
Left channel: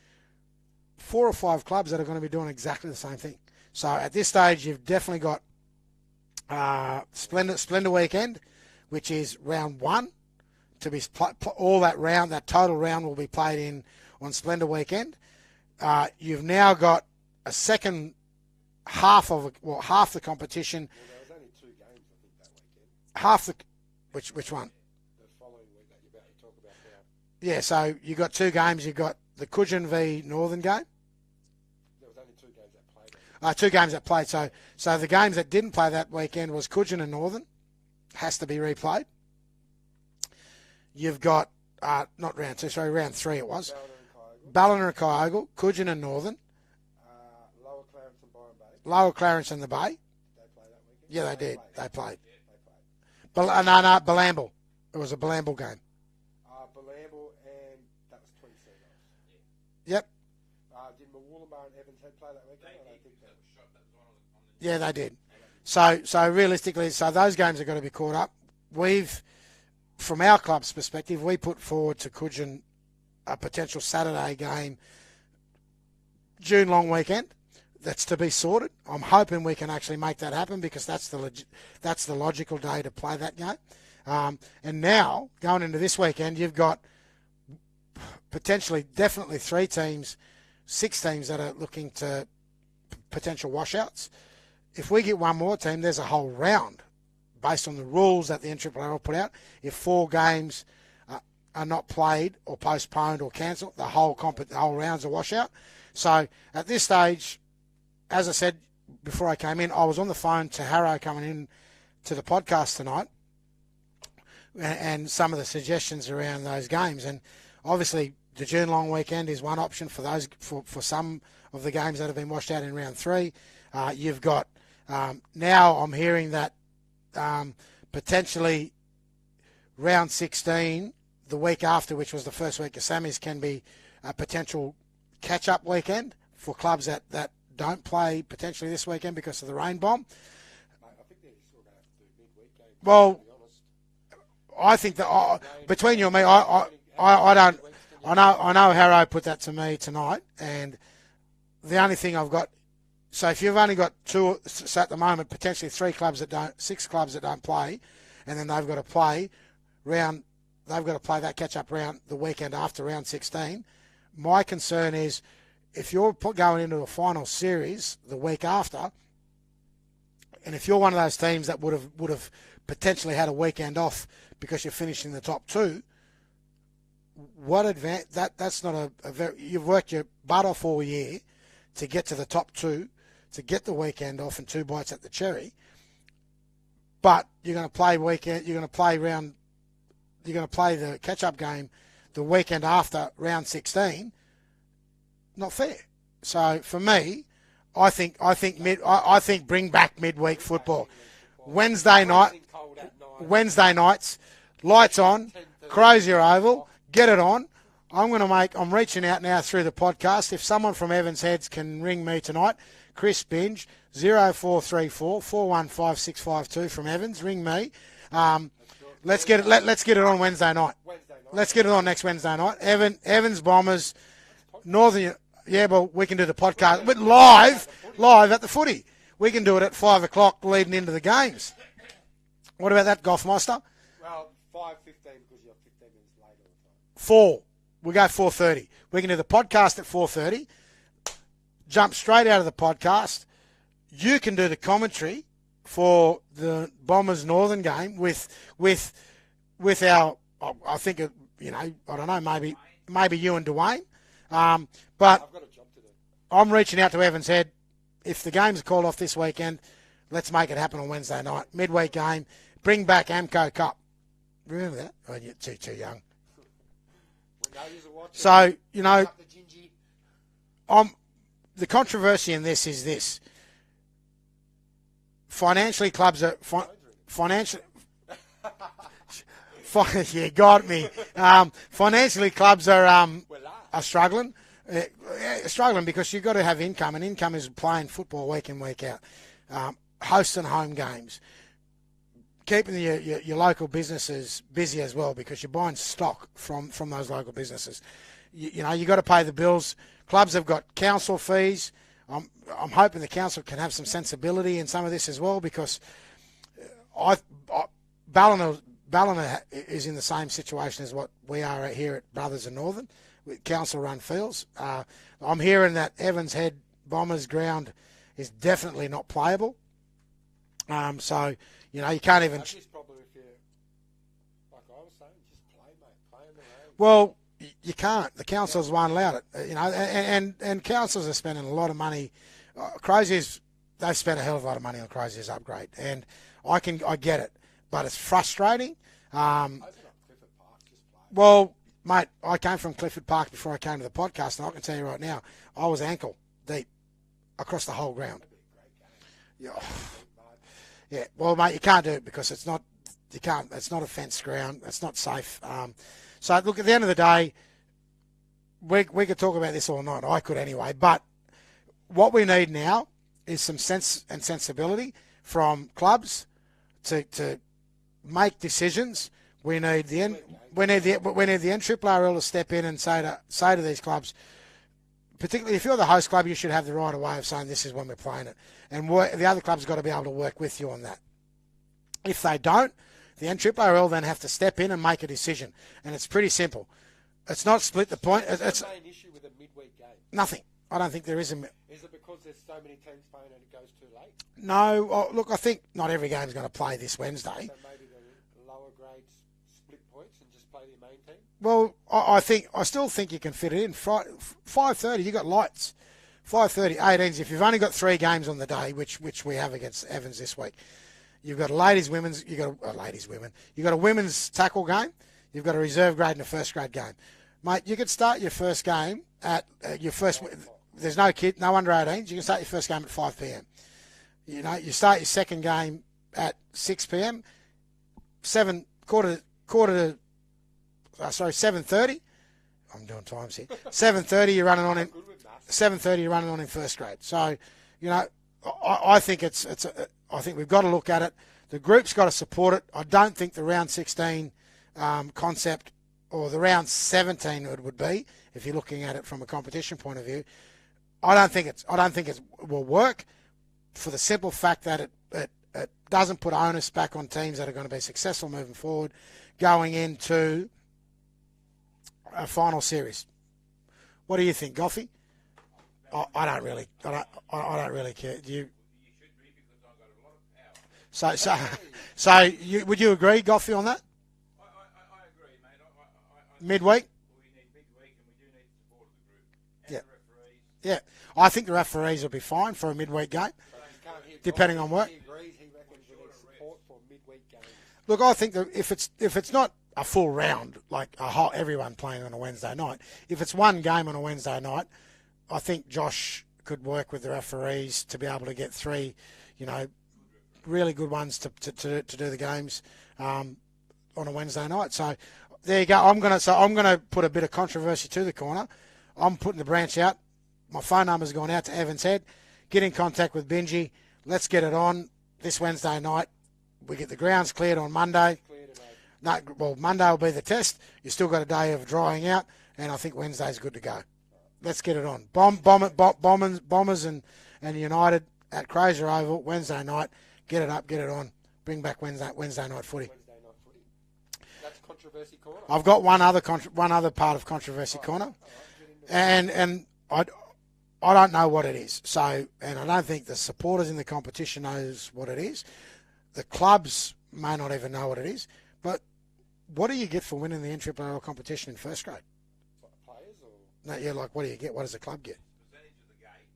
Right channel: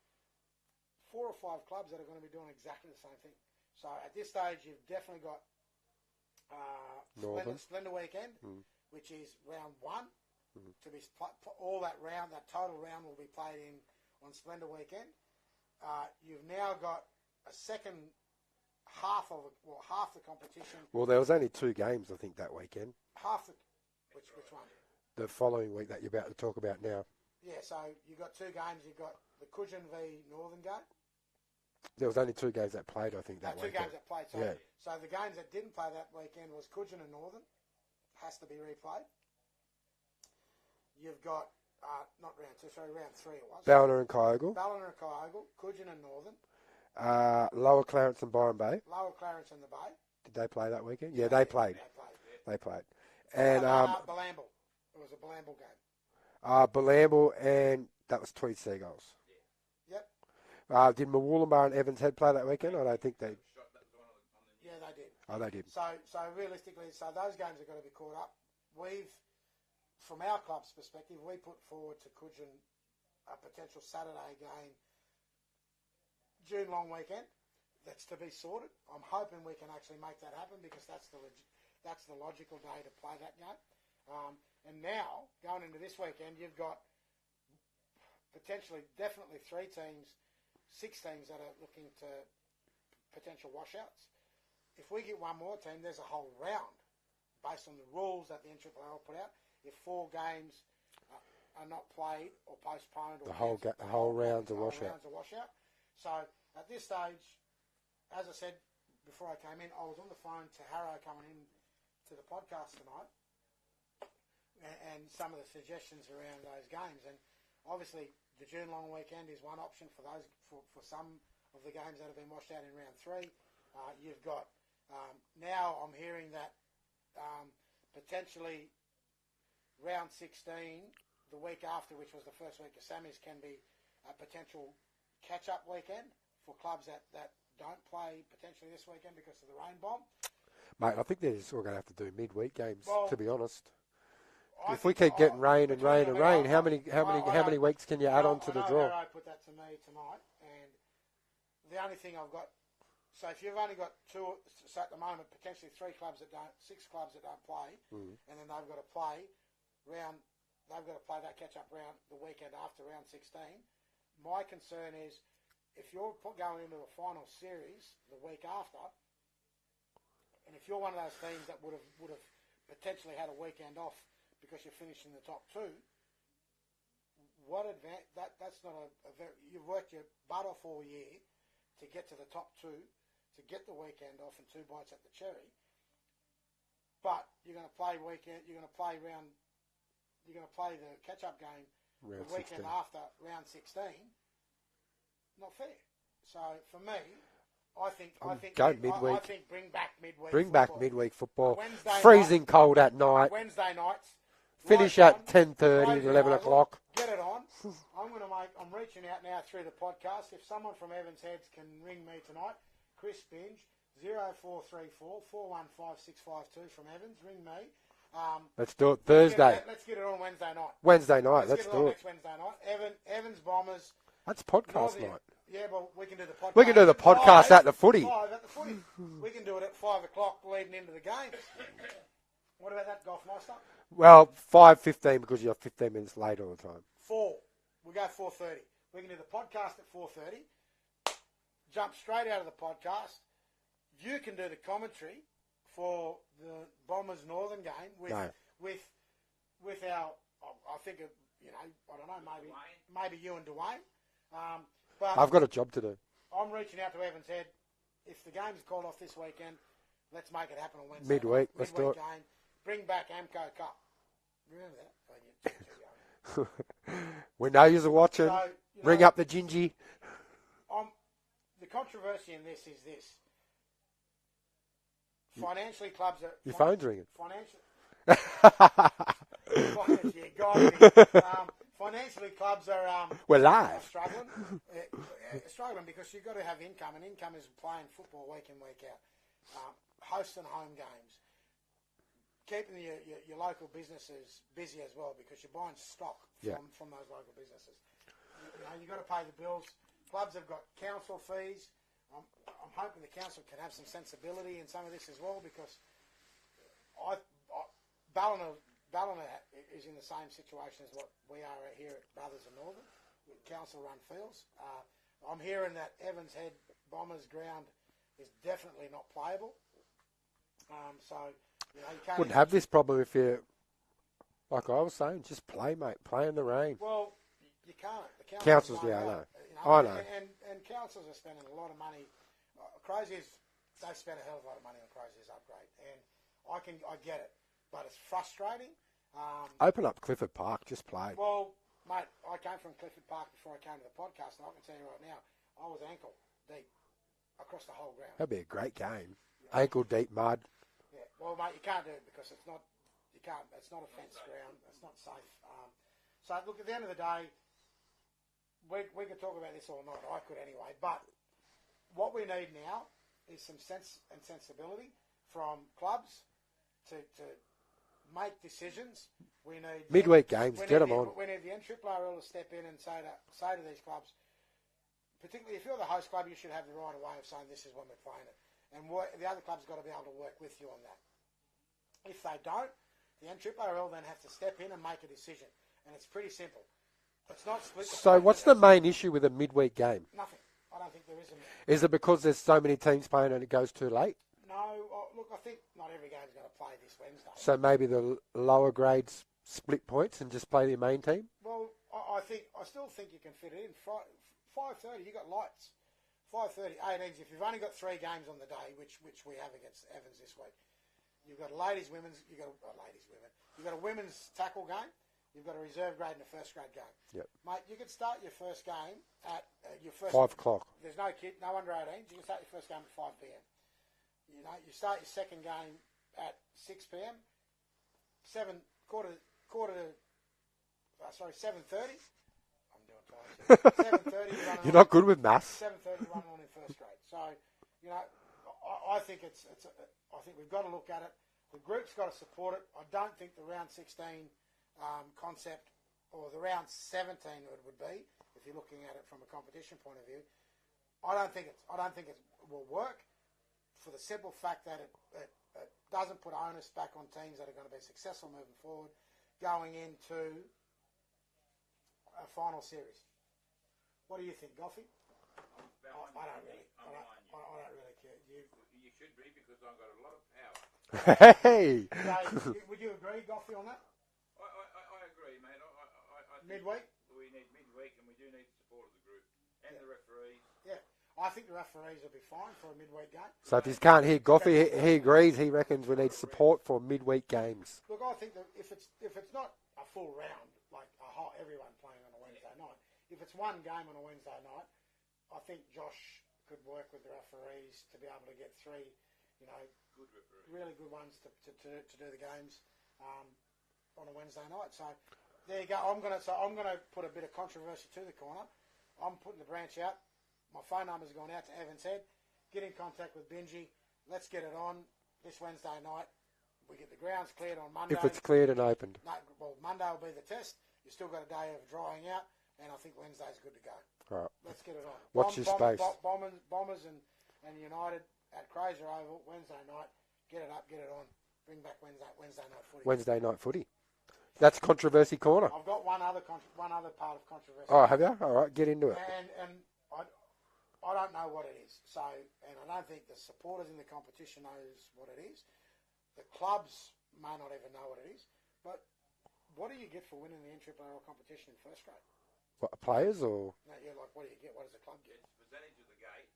4 or 5 clubs that are going to be doing exactly the same thing. So at this stage, you've definitely got Splendor Weekend, which is round 1. To be all that total round will be played on Splendor Weekend. You've now got a second half the competition. Well, there was only 2 games, I think, that weekend. Which one? The following week that you're about to talk about now. Yeah, so you got 2 games. You got the Coogin v Northern game. There was only 2 games that played, I think. 2 games that played. So, yeah. So the games that didn't play that weekend was Coogin and Northern. Has to be replayed. You've got, not round 2, sorry, round 3 it was. Ballina and Kyogle. Coogin and Northern. Lower Clarence and Byron Bay. Lower Clarence and the Bay. Did they play that weekend? Yeah, they played. They played. They played. Balamble. It was a Balamble game. Balamble, and that was Tweed Seagulls. Yep. Did Mawulumbar and Evans Head play that weekend? I don't think they. Yeah, they did. Oh, they did. So realistically, those games are going to be caught up. From our club's perspective, we put forward to Coogin a potential Saturday game, June long weekend. That's to be sorted. I'm hoping we can actually make that happen because that's the logical day to play that game. And now, going into this weekend, you've got definitely 3 teams, 6 teams that are looking to potential washouts. If we get one more team, there's a whole round based on the rules that the NRRRL put out. If 4 games are not played or postponed or cancelled, the whole round's a washout. So at this stage, as I said before I came in, I was on the phone to Harrow coming in to the podcast tonight and some of the suggestions around those games. And obviously the June long weekend is one option for those for some of the games that have been washed out in round 3. You've got now I'm hearing that potentially round 16, the week after, which was the first week of semis, can be a potential catch-up weekend for clubs that don't play potentially this weekend because of the rain bomb. Mate, I think they're just all going to have to do midweek games, well, to be honest. I think that between you and me, I know Harrow put that to me tonight, and the only thing I've got, so if you've only got 2, so at the moment, potentially 6 clubs that don't play, and then they've got to play that catch-up round the weekend after round 16. My concern is if you're going into a final series the week after, and if you're one of those teams that would have potentially had a weekend off because you're finishing the top 2, that's not a very, you've worked your butt off all year to get to the top 2, to get the weekend off and 2 bites at the cherry. But you're going to play the catch-up game the weekend after round 16. Not fair. So for me, I think bring back midweek football. Wednesday night, freezing cold at night. Wednesday nights, lights on, Crozier Oval, get it on. I'm reaching out now through the podcast. If someone from Evans Heads can ring me tonight, Chris Binge, 0434 415 652 from Evans. Ring me. Let's do it. Let's get it on Wednesday night. Let's get it on next Wednesday night. Evans Bombers. That's podcast. Northern. Yeah, well, we can do the podcast, we can do the podcast at the footy. Live at the footy. We can do it at 5 o'clock leading into the games. What about that, Golfmeister? Well, 5:15 because you're 15 minutes late all the time. 4. We go 4:30. We can do the podcast at 4:30. Jump straight out of the podcast. You can do the commentary for the Bombers Northern game with our, I think, I don't know, maybe you and Dwayne. But I've got a job to do. I'm reaching out to Evans Head. If the games are called off this weekend, let's make it happen on Wednesday night. Midweek game. Bring back Amco Cup. Remember that? Oh, you're too young. We know you're watching. So, bring up the gingy. The controversy in this is this. Financially, clubs are... Financially... You got me. Financially, clubs are struggling. Struggling because you've got to have income, and income is playing football week in, week out, hosting home games, keeping your local businesses busy as well because you're buying stock from those local businesses. You got to pay the bills. Clubs have got council fees. I'm hoping the council can have some sensibility in some of this as well because Ballina is in the same situation as what we are here at Brothers and Northern with council-run fields. I'm hearing that Evans Head Bombers ground is definitely not playable. So, you know, you can't even have this problem if you, like I was saying, just play, mate. Play in the rain. Well, you can't. The councils won't yeah, allow it. You know, and councils are spending a lot of money. Croziers, they've spent a hell of a lot of money on Croziers upgrade, and I get it, but it's frustrating. Open up Clifford Park, just play. Well, mate, I came from Clifford Park before I came to the podcast, and I can tell you right now, I was ankle deep across the whole ground. That'd be a great game. Ankle deep mud. Yeah, well, mate, you can't do it because it's not. You can't. It's not a fenced ground. It's not safe. So, look, at the end of the day, we could talk about this all night. I could anyway. But what we need now is some sense and sensibility from clubs to make decisions. We need the we need the NRRRL to step in and say to these clubs, particularly if you're the host club, you should have the right of way of saying this is when we're playing it, and the other club's got to be able to work with you on that. If they don't, the NRRRL then have to step in and make a decision, and it's pretty simple. It's not split the point. What's the main issue with a midweek game? Nothing. I don't think there is. Is it because there's so many teams playing and it goes too late? No. Look, I think not every game's going to play this Wednesday. So maybe the lower grades split points and just play the main team? Well, I still think you can fit it in. 5:30, you got lights. 5:30, 18s. If you've only got 3 games on the day, which we have against Evans this week, you've got a ladies, women's. You got a ladies, women. You got a women's tackle game. You've got a reserve grade and a first grade game. Yep. Mate, you could start your first game at your first. 5 o'clock. There's no under 18s. You can start your first game at 5 p.m. You know, you start your second game at 6 p.m. 7:30. I'm doing times here. 7:30. You're running on. Not good with maths. 7:30. You're running on in first grade. So, you know, I think I think we've got to look at it. The group's got to support it. I don't think the round 16 concept or the round 17 it would be if you're looking at it from a competition point of view. I don't think it will work for the simple fact that it doesn't put onus back on teams that are going to be successful moving forward, going into a final series. What do you think, Goffy? I don't really care. Do you? You should be because I've got a lot of power. So would you agree, Goffy, on that? I agree, mate. I midweek? We need midweek and we do need the support of the group and Yeah. the referees. Yeah. I think the referees will be fine for a midweek game. So if you can't hear Depending on Goffy, what? he agrees. He reckons we need support for midweek games. Look, I think that if it's not a full round, like everyone playing on a Wednesday night, if it's one game on a Wednesday night, I think Josh could work with the referees to be able to get 3, you know, really good ones to do the games on a Wednesday night. So there you go. I'm gonna put a bit of controversy to the corner. I'm putting the branch out. My phone number's gone out to Evans Head. Get in contact with Benji. Let's get it on this Wednesday night. We get the grounds cleared on Monday. If it's cleared and opened. No, well, Monday will be the test. You still got a day of drying out, and I think Wednesday's good to go. Right. Let's get it on. Bombers and United at Crozier Oval Wednesday night. Get it up, get it on. Bring back Wednesday night footy. Wednesday night footy. That's Controversy Corner. I've got one other part of Controversy Corner. All right, get into it. And I don't know what it is. So, and I don't think the supporters in the competition knows what it is. The clubs may not even know what it is. But what do you get for winning the NRRRL competition in first grade? What, players or? No, yeah, like what do you get? What does the club get? Percentage of the gate.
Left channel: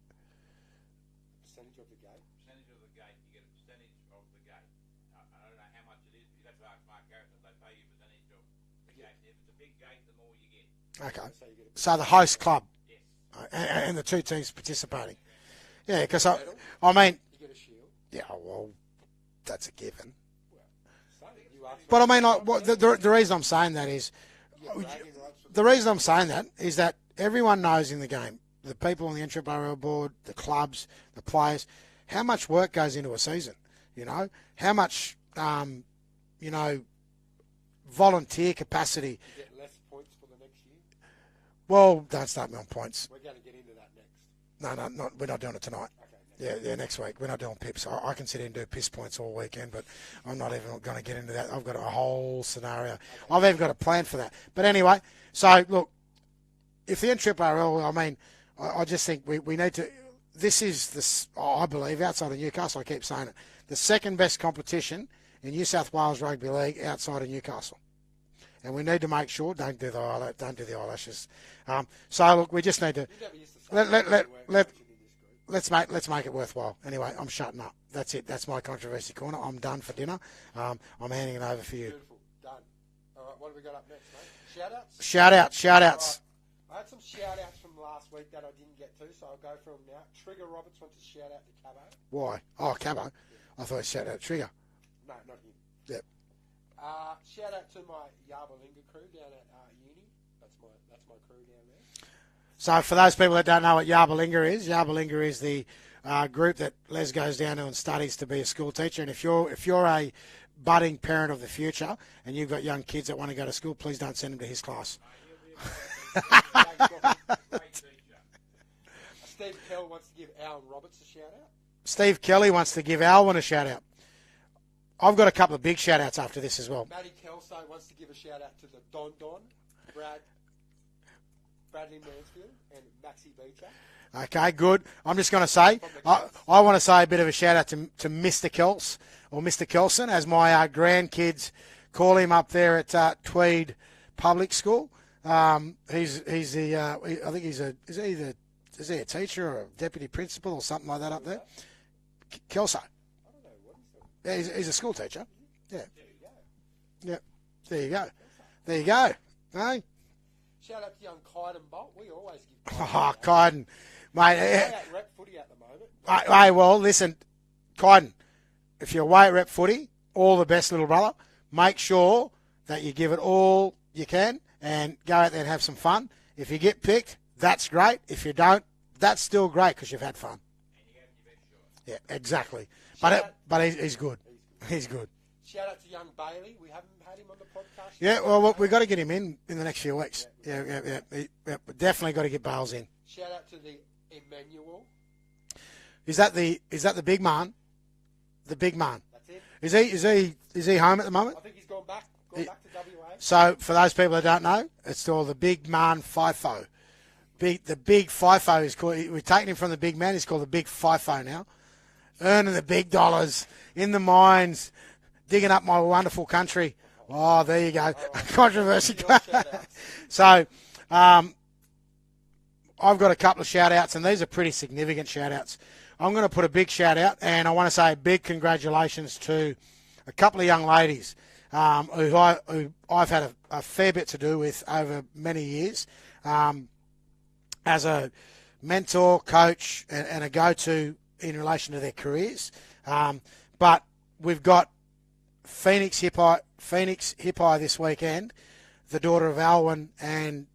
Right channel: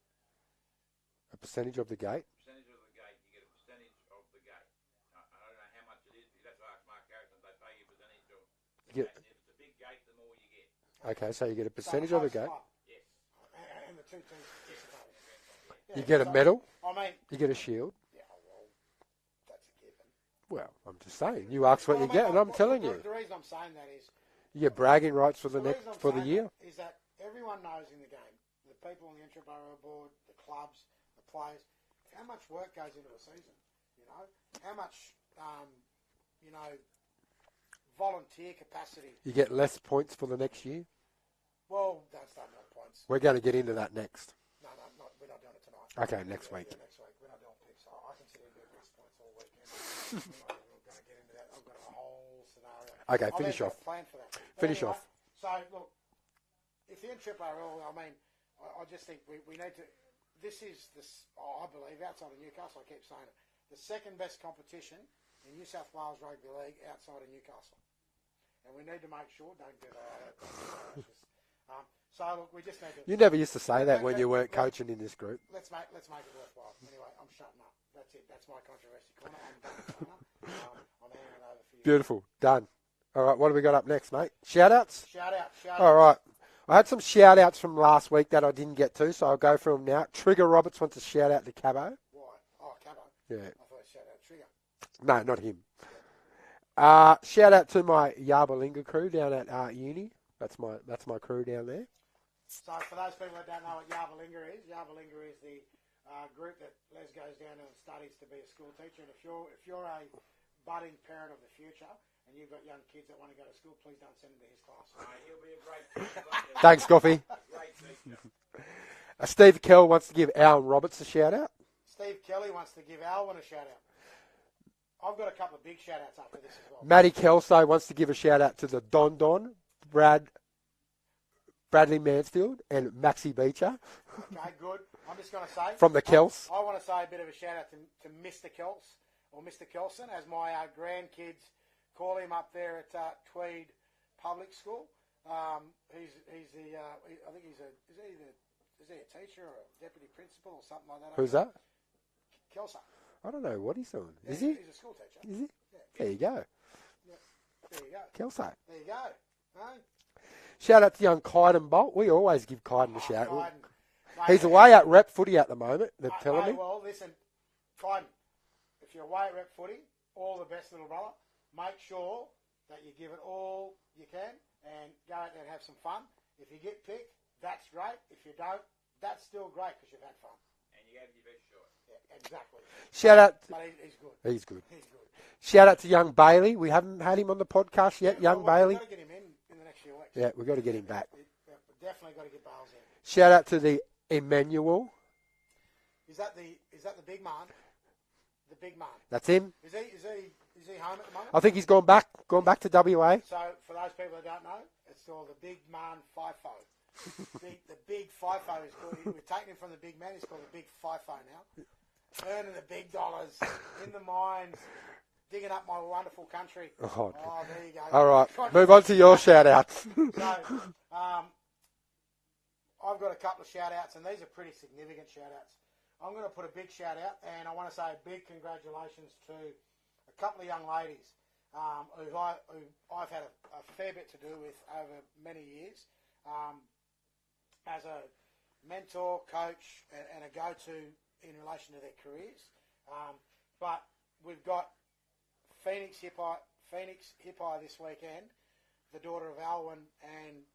A percentage of the gate? Percentage of the gate. You get a percentage of the gate. I don't know how much it is. You'd have to ask Mark Harrison. They pay you a percentage of the gate. If it's a big gate, the more you get. Okay, so you get a So percentage the host of the club Yes. and the 2 teams participating. Yeah, You get a medal. I mean, You get a shield. yeah, well, that's a given. Well, I'm just saying. You asked for But I it. mean, I'm like, telling you. the reason I'm saying that is You get bragging rights for the reason I'm saying that is that everyone knows in the game, the people on the NRRRL board, the clubs, the players, how much work goes into a season. You know, how much, you know, volunteer capacity. You get less points for the next year. Well, don't start me on points. We're going to get into that next. No, we're not doing it tonight. Okay, next week. Yeah, next week. We're not doing pips. I can sit here and do piss points all weekend, but I'm not even going to get into that. I've got a whole scenario. Okay, I've even got a plan for that. But anyway, so look, if the NRRRL, I mean, I just think we need to this is, I believe, outside of Newcastle, I keep saying it, the second best competition in New South Wales Rugby League outside of Newcastle. And we need to make sure, don't do the eyelashes. So, look, we just need to... You never used to say that when you weren't coaching in this group. Let's make it worthwhile. Anyway, I'm shutting up. That's it. That's my controversy corner. I'm done for dinner. I'm handing it over for you. Beautiful. Done. All right, what have we got up next, mate? Shout-outs? Shout-outs. All right. I had some shout-outs from last week that I didn't get to, so I'll go through them now. Trigger Roberts wants a shout-out to Cabo. Why? Oh, Cabo? Yeah. I thought he shout-out Trigger. No, not him. Yep. Shout out to my Yarbalinga crew down at uni. That's my crew down there. So for those people that don't know what Yarbalinga is the group that Les goes down to and studies to be a school teacher. And if you're a budding parent of the future and you've got young kids that want to go to school, please don't send them to his class. Thanks, Coffee. Steve Kell wants to give Alan Roberts a shout out. Steve Kelly wants to give Alwyn a shout out. I've got a couple of big shout outs after this as well. Matty Kelso wants to give a shout out to the Don, Bradley Mansfield and Maxie Beecher. Okay, good. I'm just going to say... From the Kels. I want to say a bit of a shout out to Mr. Kels, or Mr. Kelson, as my grandkids call him up there at Tweed Public School. He's the... I think is he a teacher or a deputy principal or something like that up Who's there? that? Kelso. I don't know what he's doing. Yeah, he's a school teacher. Is he? Yeah. There you go. Yeah. There you go. Kelso. There you go. Hey? Shout out to young Kyden Bolt. We always give Kyden a shout out. Kyden. Mate, He's away at rep footy at the moment. Hey, well, listen, Kyden, if you're away at rep footy, all the best, little brother. Make sure that you give it all you can and go out there and have some fun. If you get picked, that's great. If you don't, that's still great because you've had fun. And you gave your best shot. Yeah, exactly. Shout out. But he's good. He's good. He's good. Shout out to young Bailey. We haven't had him on the podcast yet. Yeah, well, Bailey. we've got to get him in the next few weeks. Yeah, we've got to get him back. Yeah, definitely got to get Bales in. Shout out to the Emmanuel. Is that the big man? The big man. That's him. Is he home at the moment? I think he's gone back to WA. So for those people that don't know, it's called the big man FIFO. The big FIFO is called. We've taken him from the big man. He's called the big FIFO now. Earning the big dollars in the mines, digging up my wonderful country. Oh, there you go. All right. Move on to your shout out. So, I've got a couple of shout outs, and these are pretty significant shout outs. I'm going to put a big shout out, and I want to say a big congratulations to a couple of young ladies who I've had a fair bit to do with over many years as a mentor, coach, and a go-to in relation to their careers. But we've got Phoenix Hippi this weekend, the daughter of Alwyn and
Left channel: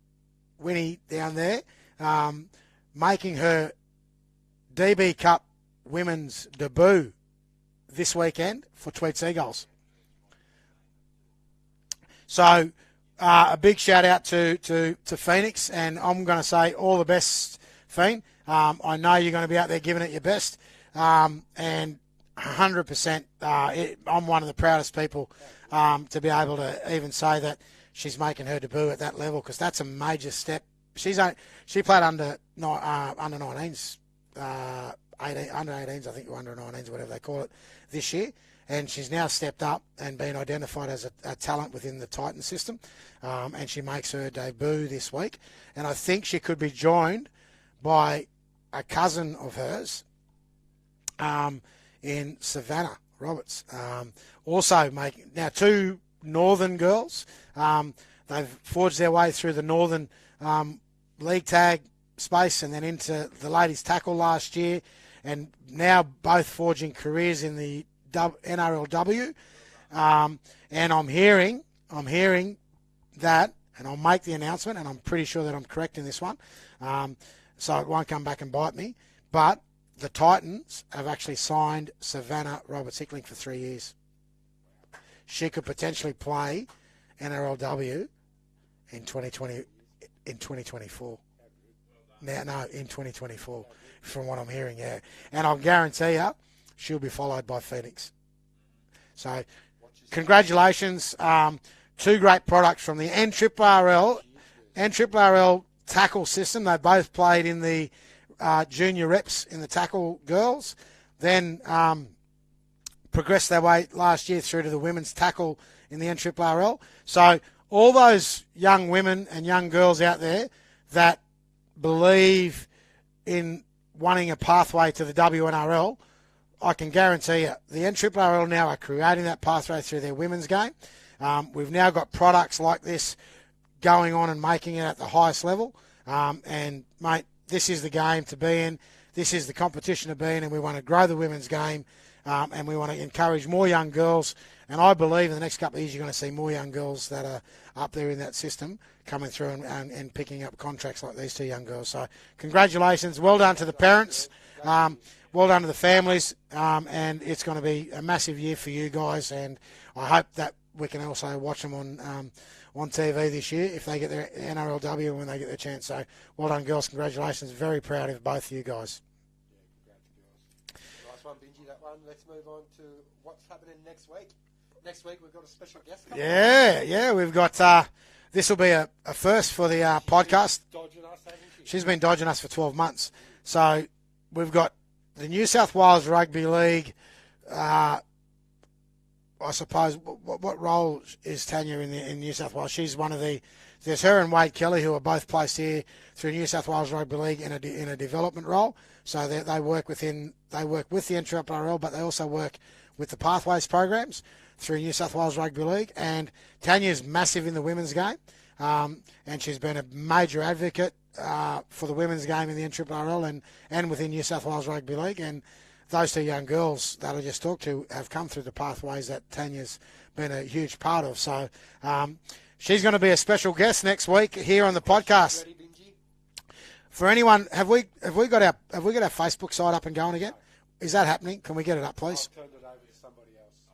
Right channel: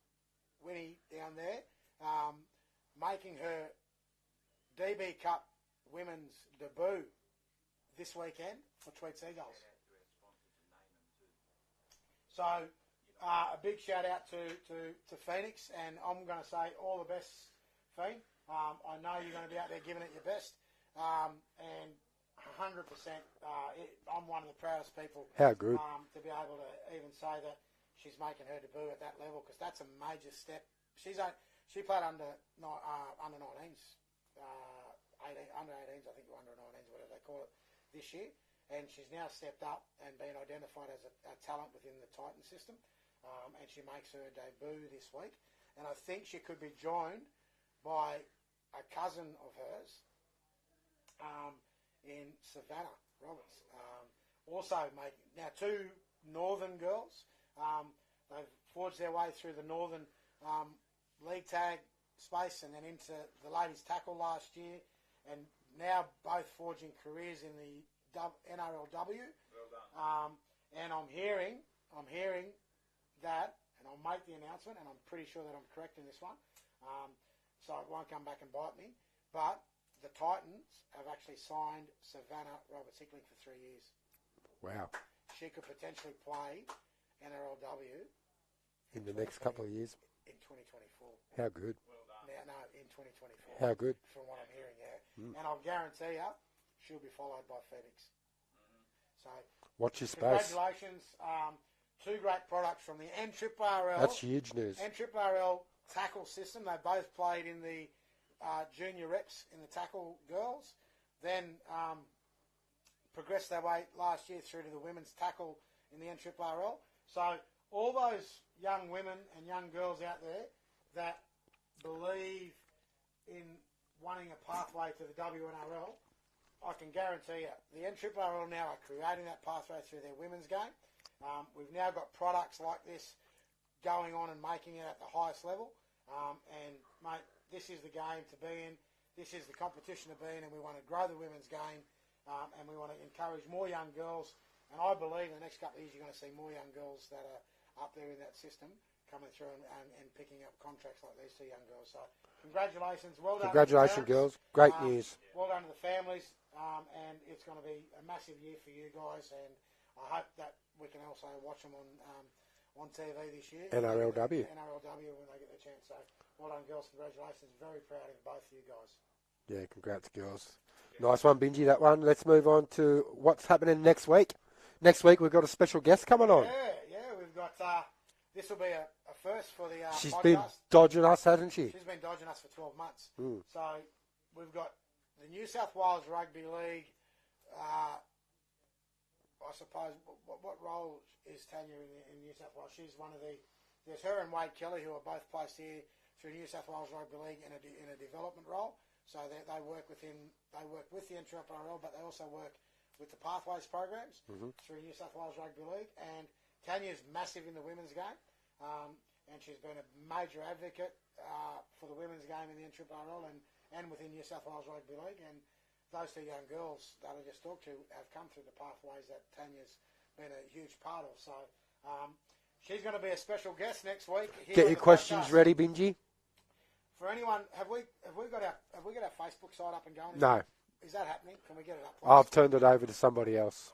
Winnie down there, making her DB Cup women's debut this weekend for Tweed Seagulls. So a big shout out to Phoenix, and I'm going to say all the best, Fiend. I know you're going to be out there giving it your best, and 100%. I'm one of the proudest people to be able to even say that she's making her debut at that level, because that's a major step. She played under 19s, under 18s, I think, or under 19s, whatever they call it, this year, and she's now stepped up and been identified as a talent within the Titan system, and she makes her debut this week, and I think she could be joined by a cousin of hers in Savannah Roberts. Also making now two northern girls. They've forged their way through the northern league tag space and then into the ladies tackle last year, and now both forging careers in the NRLW. And I'm hearing that, and I'll make the announcement, and I'm pretty sure that I'm correct in this one, so it won't come back and bite me, but the Titans have actually signed Savannah Roberts-Hickling for 3 years. Wow. She could potentially play NRLW in 2020, in 2024. How good. No, in 2024. How good. From what I'm hearing, yeah. And I'll guarantee you, she'll be followed by Phoenix. So, congratulations. Two great products from the NRRRL. That's huge news. NRRRL tackle system. They both played in the junior reps in the tackle girls, then progressed their way last year through to the women's tackle in the NRRRL. So all those young women and young girls out there that believe in wanting a pathway to the WNRL, I can guarantee you the NRRRL now are creating that pathway through their women's game. We've now got products like this going on and making it at the highest level. And, mate, this is the game to be in. This is the competition to be in, and we want to grow the women's game, and we want to encourage more young girls. And I believe in the next couple of years you're going to see more young girls that are up there in that system coming through and picking up contracts like these two young girls. So congratulations. Well done to the parents. Girls. Great news. Well done to the families. And it's going to be a massive year for you guys. And I hope that we can also watch them on TV this year if they get their NRLW when they get their chance. So well done, girls. Congratulations. Very proud of both of you guys. Yeah, congrats, girls. Nice one, Benji, that one. Let's move on to what's happening next week. Next week we've got a special guest coming on. Yeah, we've got this will be a first for the podcast. Been dodging us, hasn't she? She's been dodging us for 12 months. So we've got the New South Wales Rugby League. I suppose, what role is Tanya in New South Wales? She's one of there's her and Wade Kelly, who are both placed here through New South Wales Rugby League in a development role. So they work with the NRRRL, but they also work with the Pathways programs through New South Wales Rugby League. And Tanya's massive in the women's game, and she's been a major advocate for the women's game in the NRRRL and within New South Wales Rugby League. And those two young girls that I just talked to have come through the pathways that Tanya's been a huge part of. So she's going to be a special guest next week here on the podcast. Ready, Benji? For anyone, have we got our Facebook site up and going again? No. Is that happening? Can we get it up, please? I've turned it over to somebody else.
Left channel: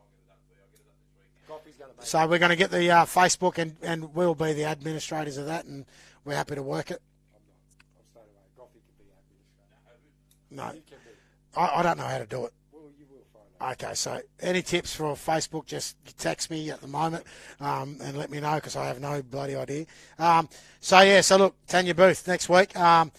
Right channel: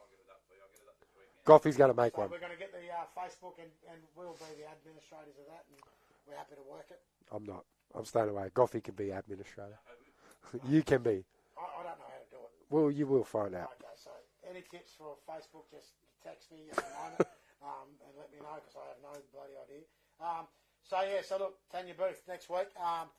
Goffy's going to make it. So we're going to get the Facebook, and we'll be the administrators of that, and we're happy to work it. I'm not. I'm staying away. Goffy can be administrator. No. You can be. I don't know how to do it. Well, you will find out. Okay, so any tips for Facebook, just text me at the moment and let me know, because I have no bloody idea. So look, Tanya Booth next week. And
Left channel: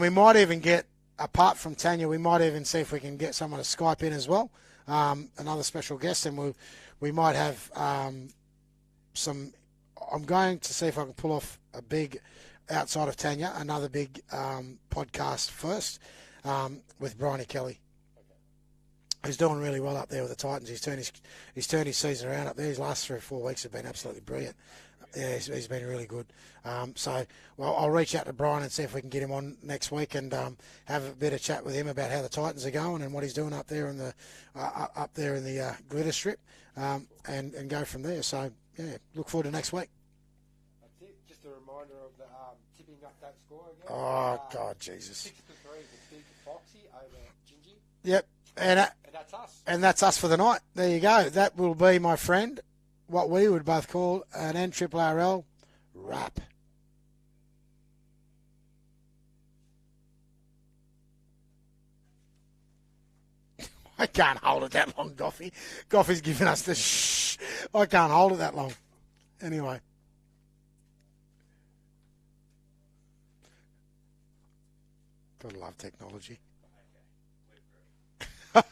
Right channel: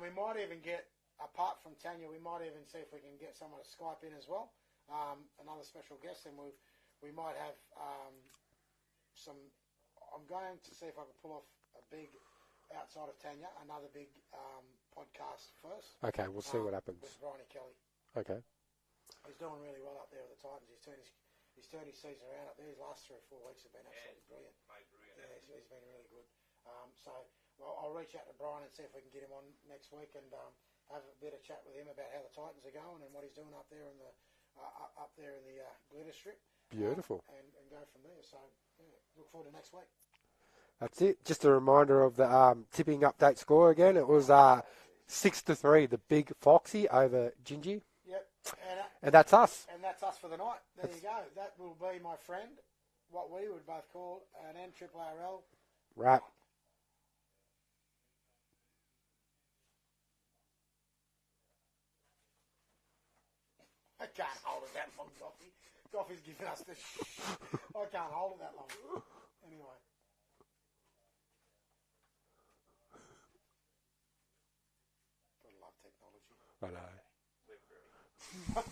we might even get, apart from Tanya, we might even see if we can get someone to Skype in as well, another special guest. And we might have I'm going to see if I can pull off a big, outside of Tanya, another big podcast first. Okay, we'll see what happens. With Bryony Kelly. Okay. He's doing really well up there with the Titans. He's turned his season around up there. His last 3 or 4 weeks have been absolutely brilliant. Yeah, he's been really good. I'll reach out to Brian and see if we can get him on next week and have a bit of chat with him about how the Titans are going and what he's doing up there in the glitter strip, and go from there. So look forward to next week. That's it. Just a reminder of the tipping update score again. It was 6-3, the big Foxy over Gingy. Yep, and that's us. And that's us for the night. There you go. That will be, my friend, what we would both call an NRRRL wrap. I can't hold it that long, Goffy. Goffy's giving us the shh. I can't hold it that long. Anyway. Gotta love technology. I know.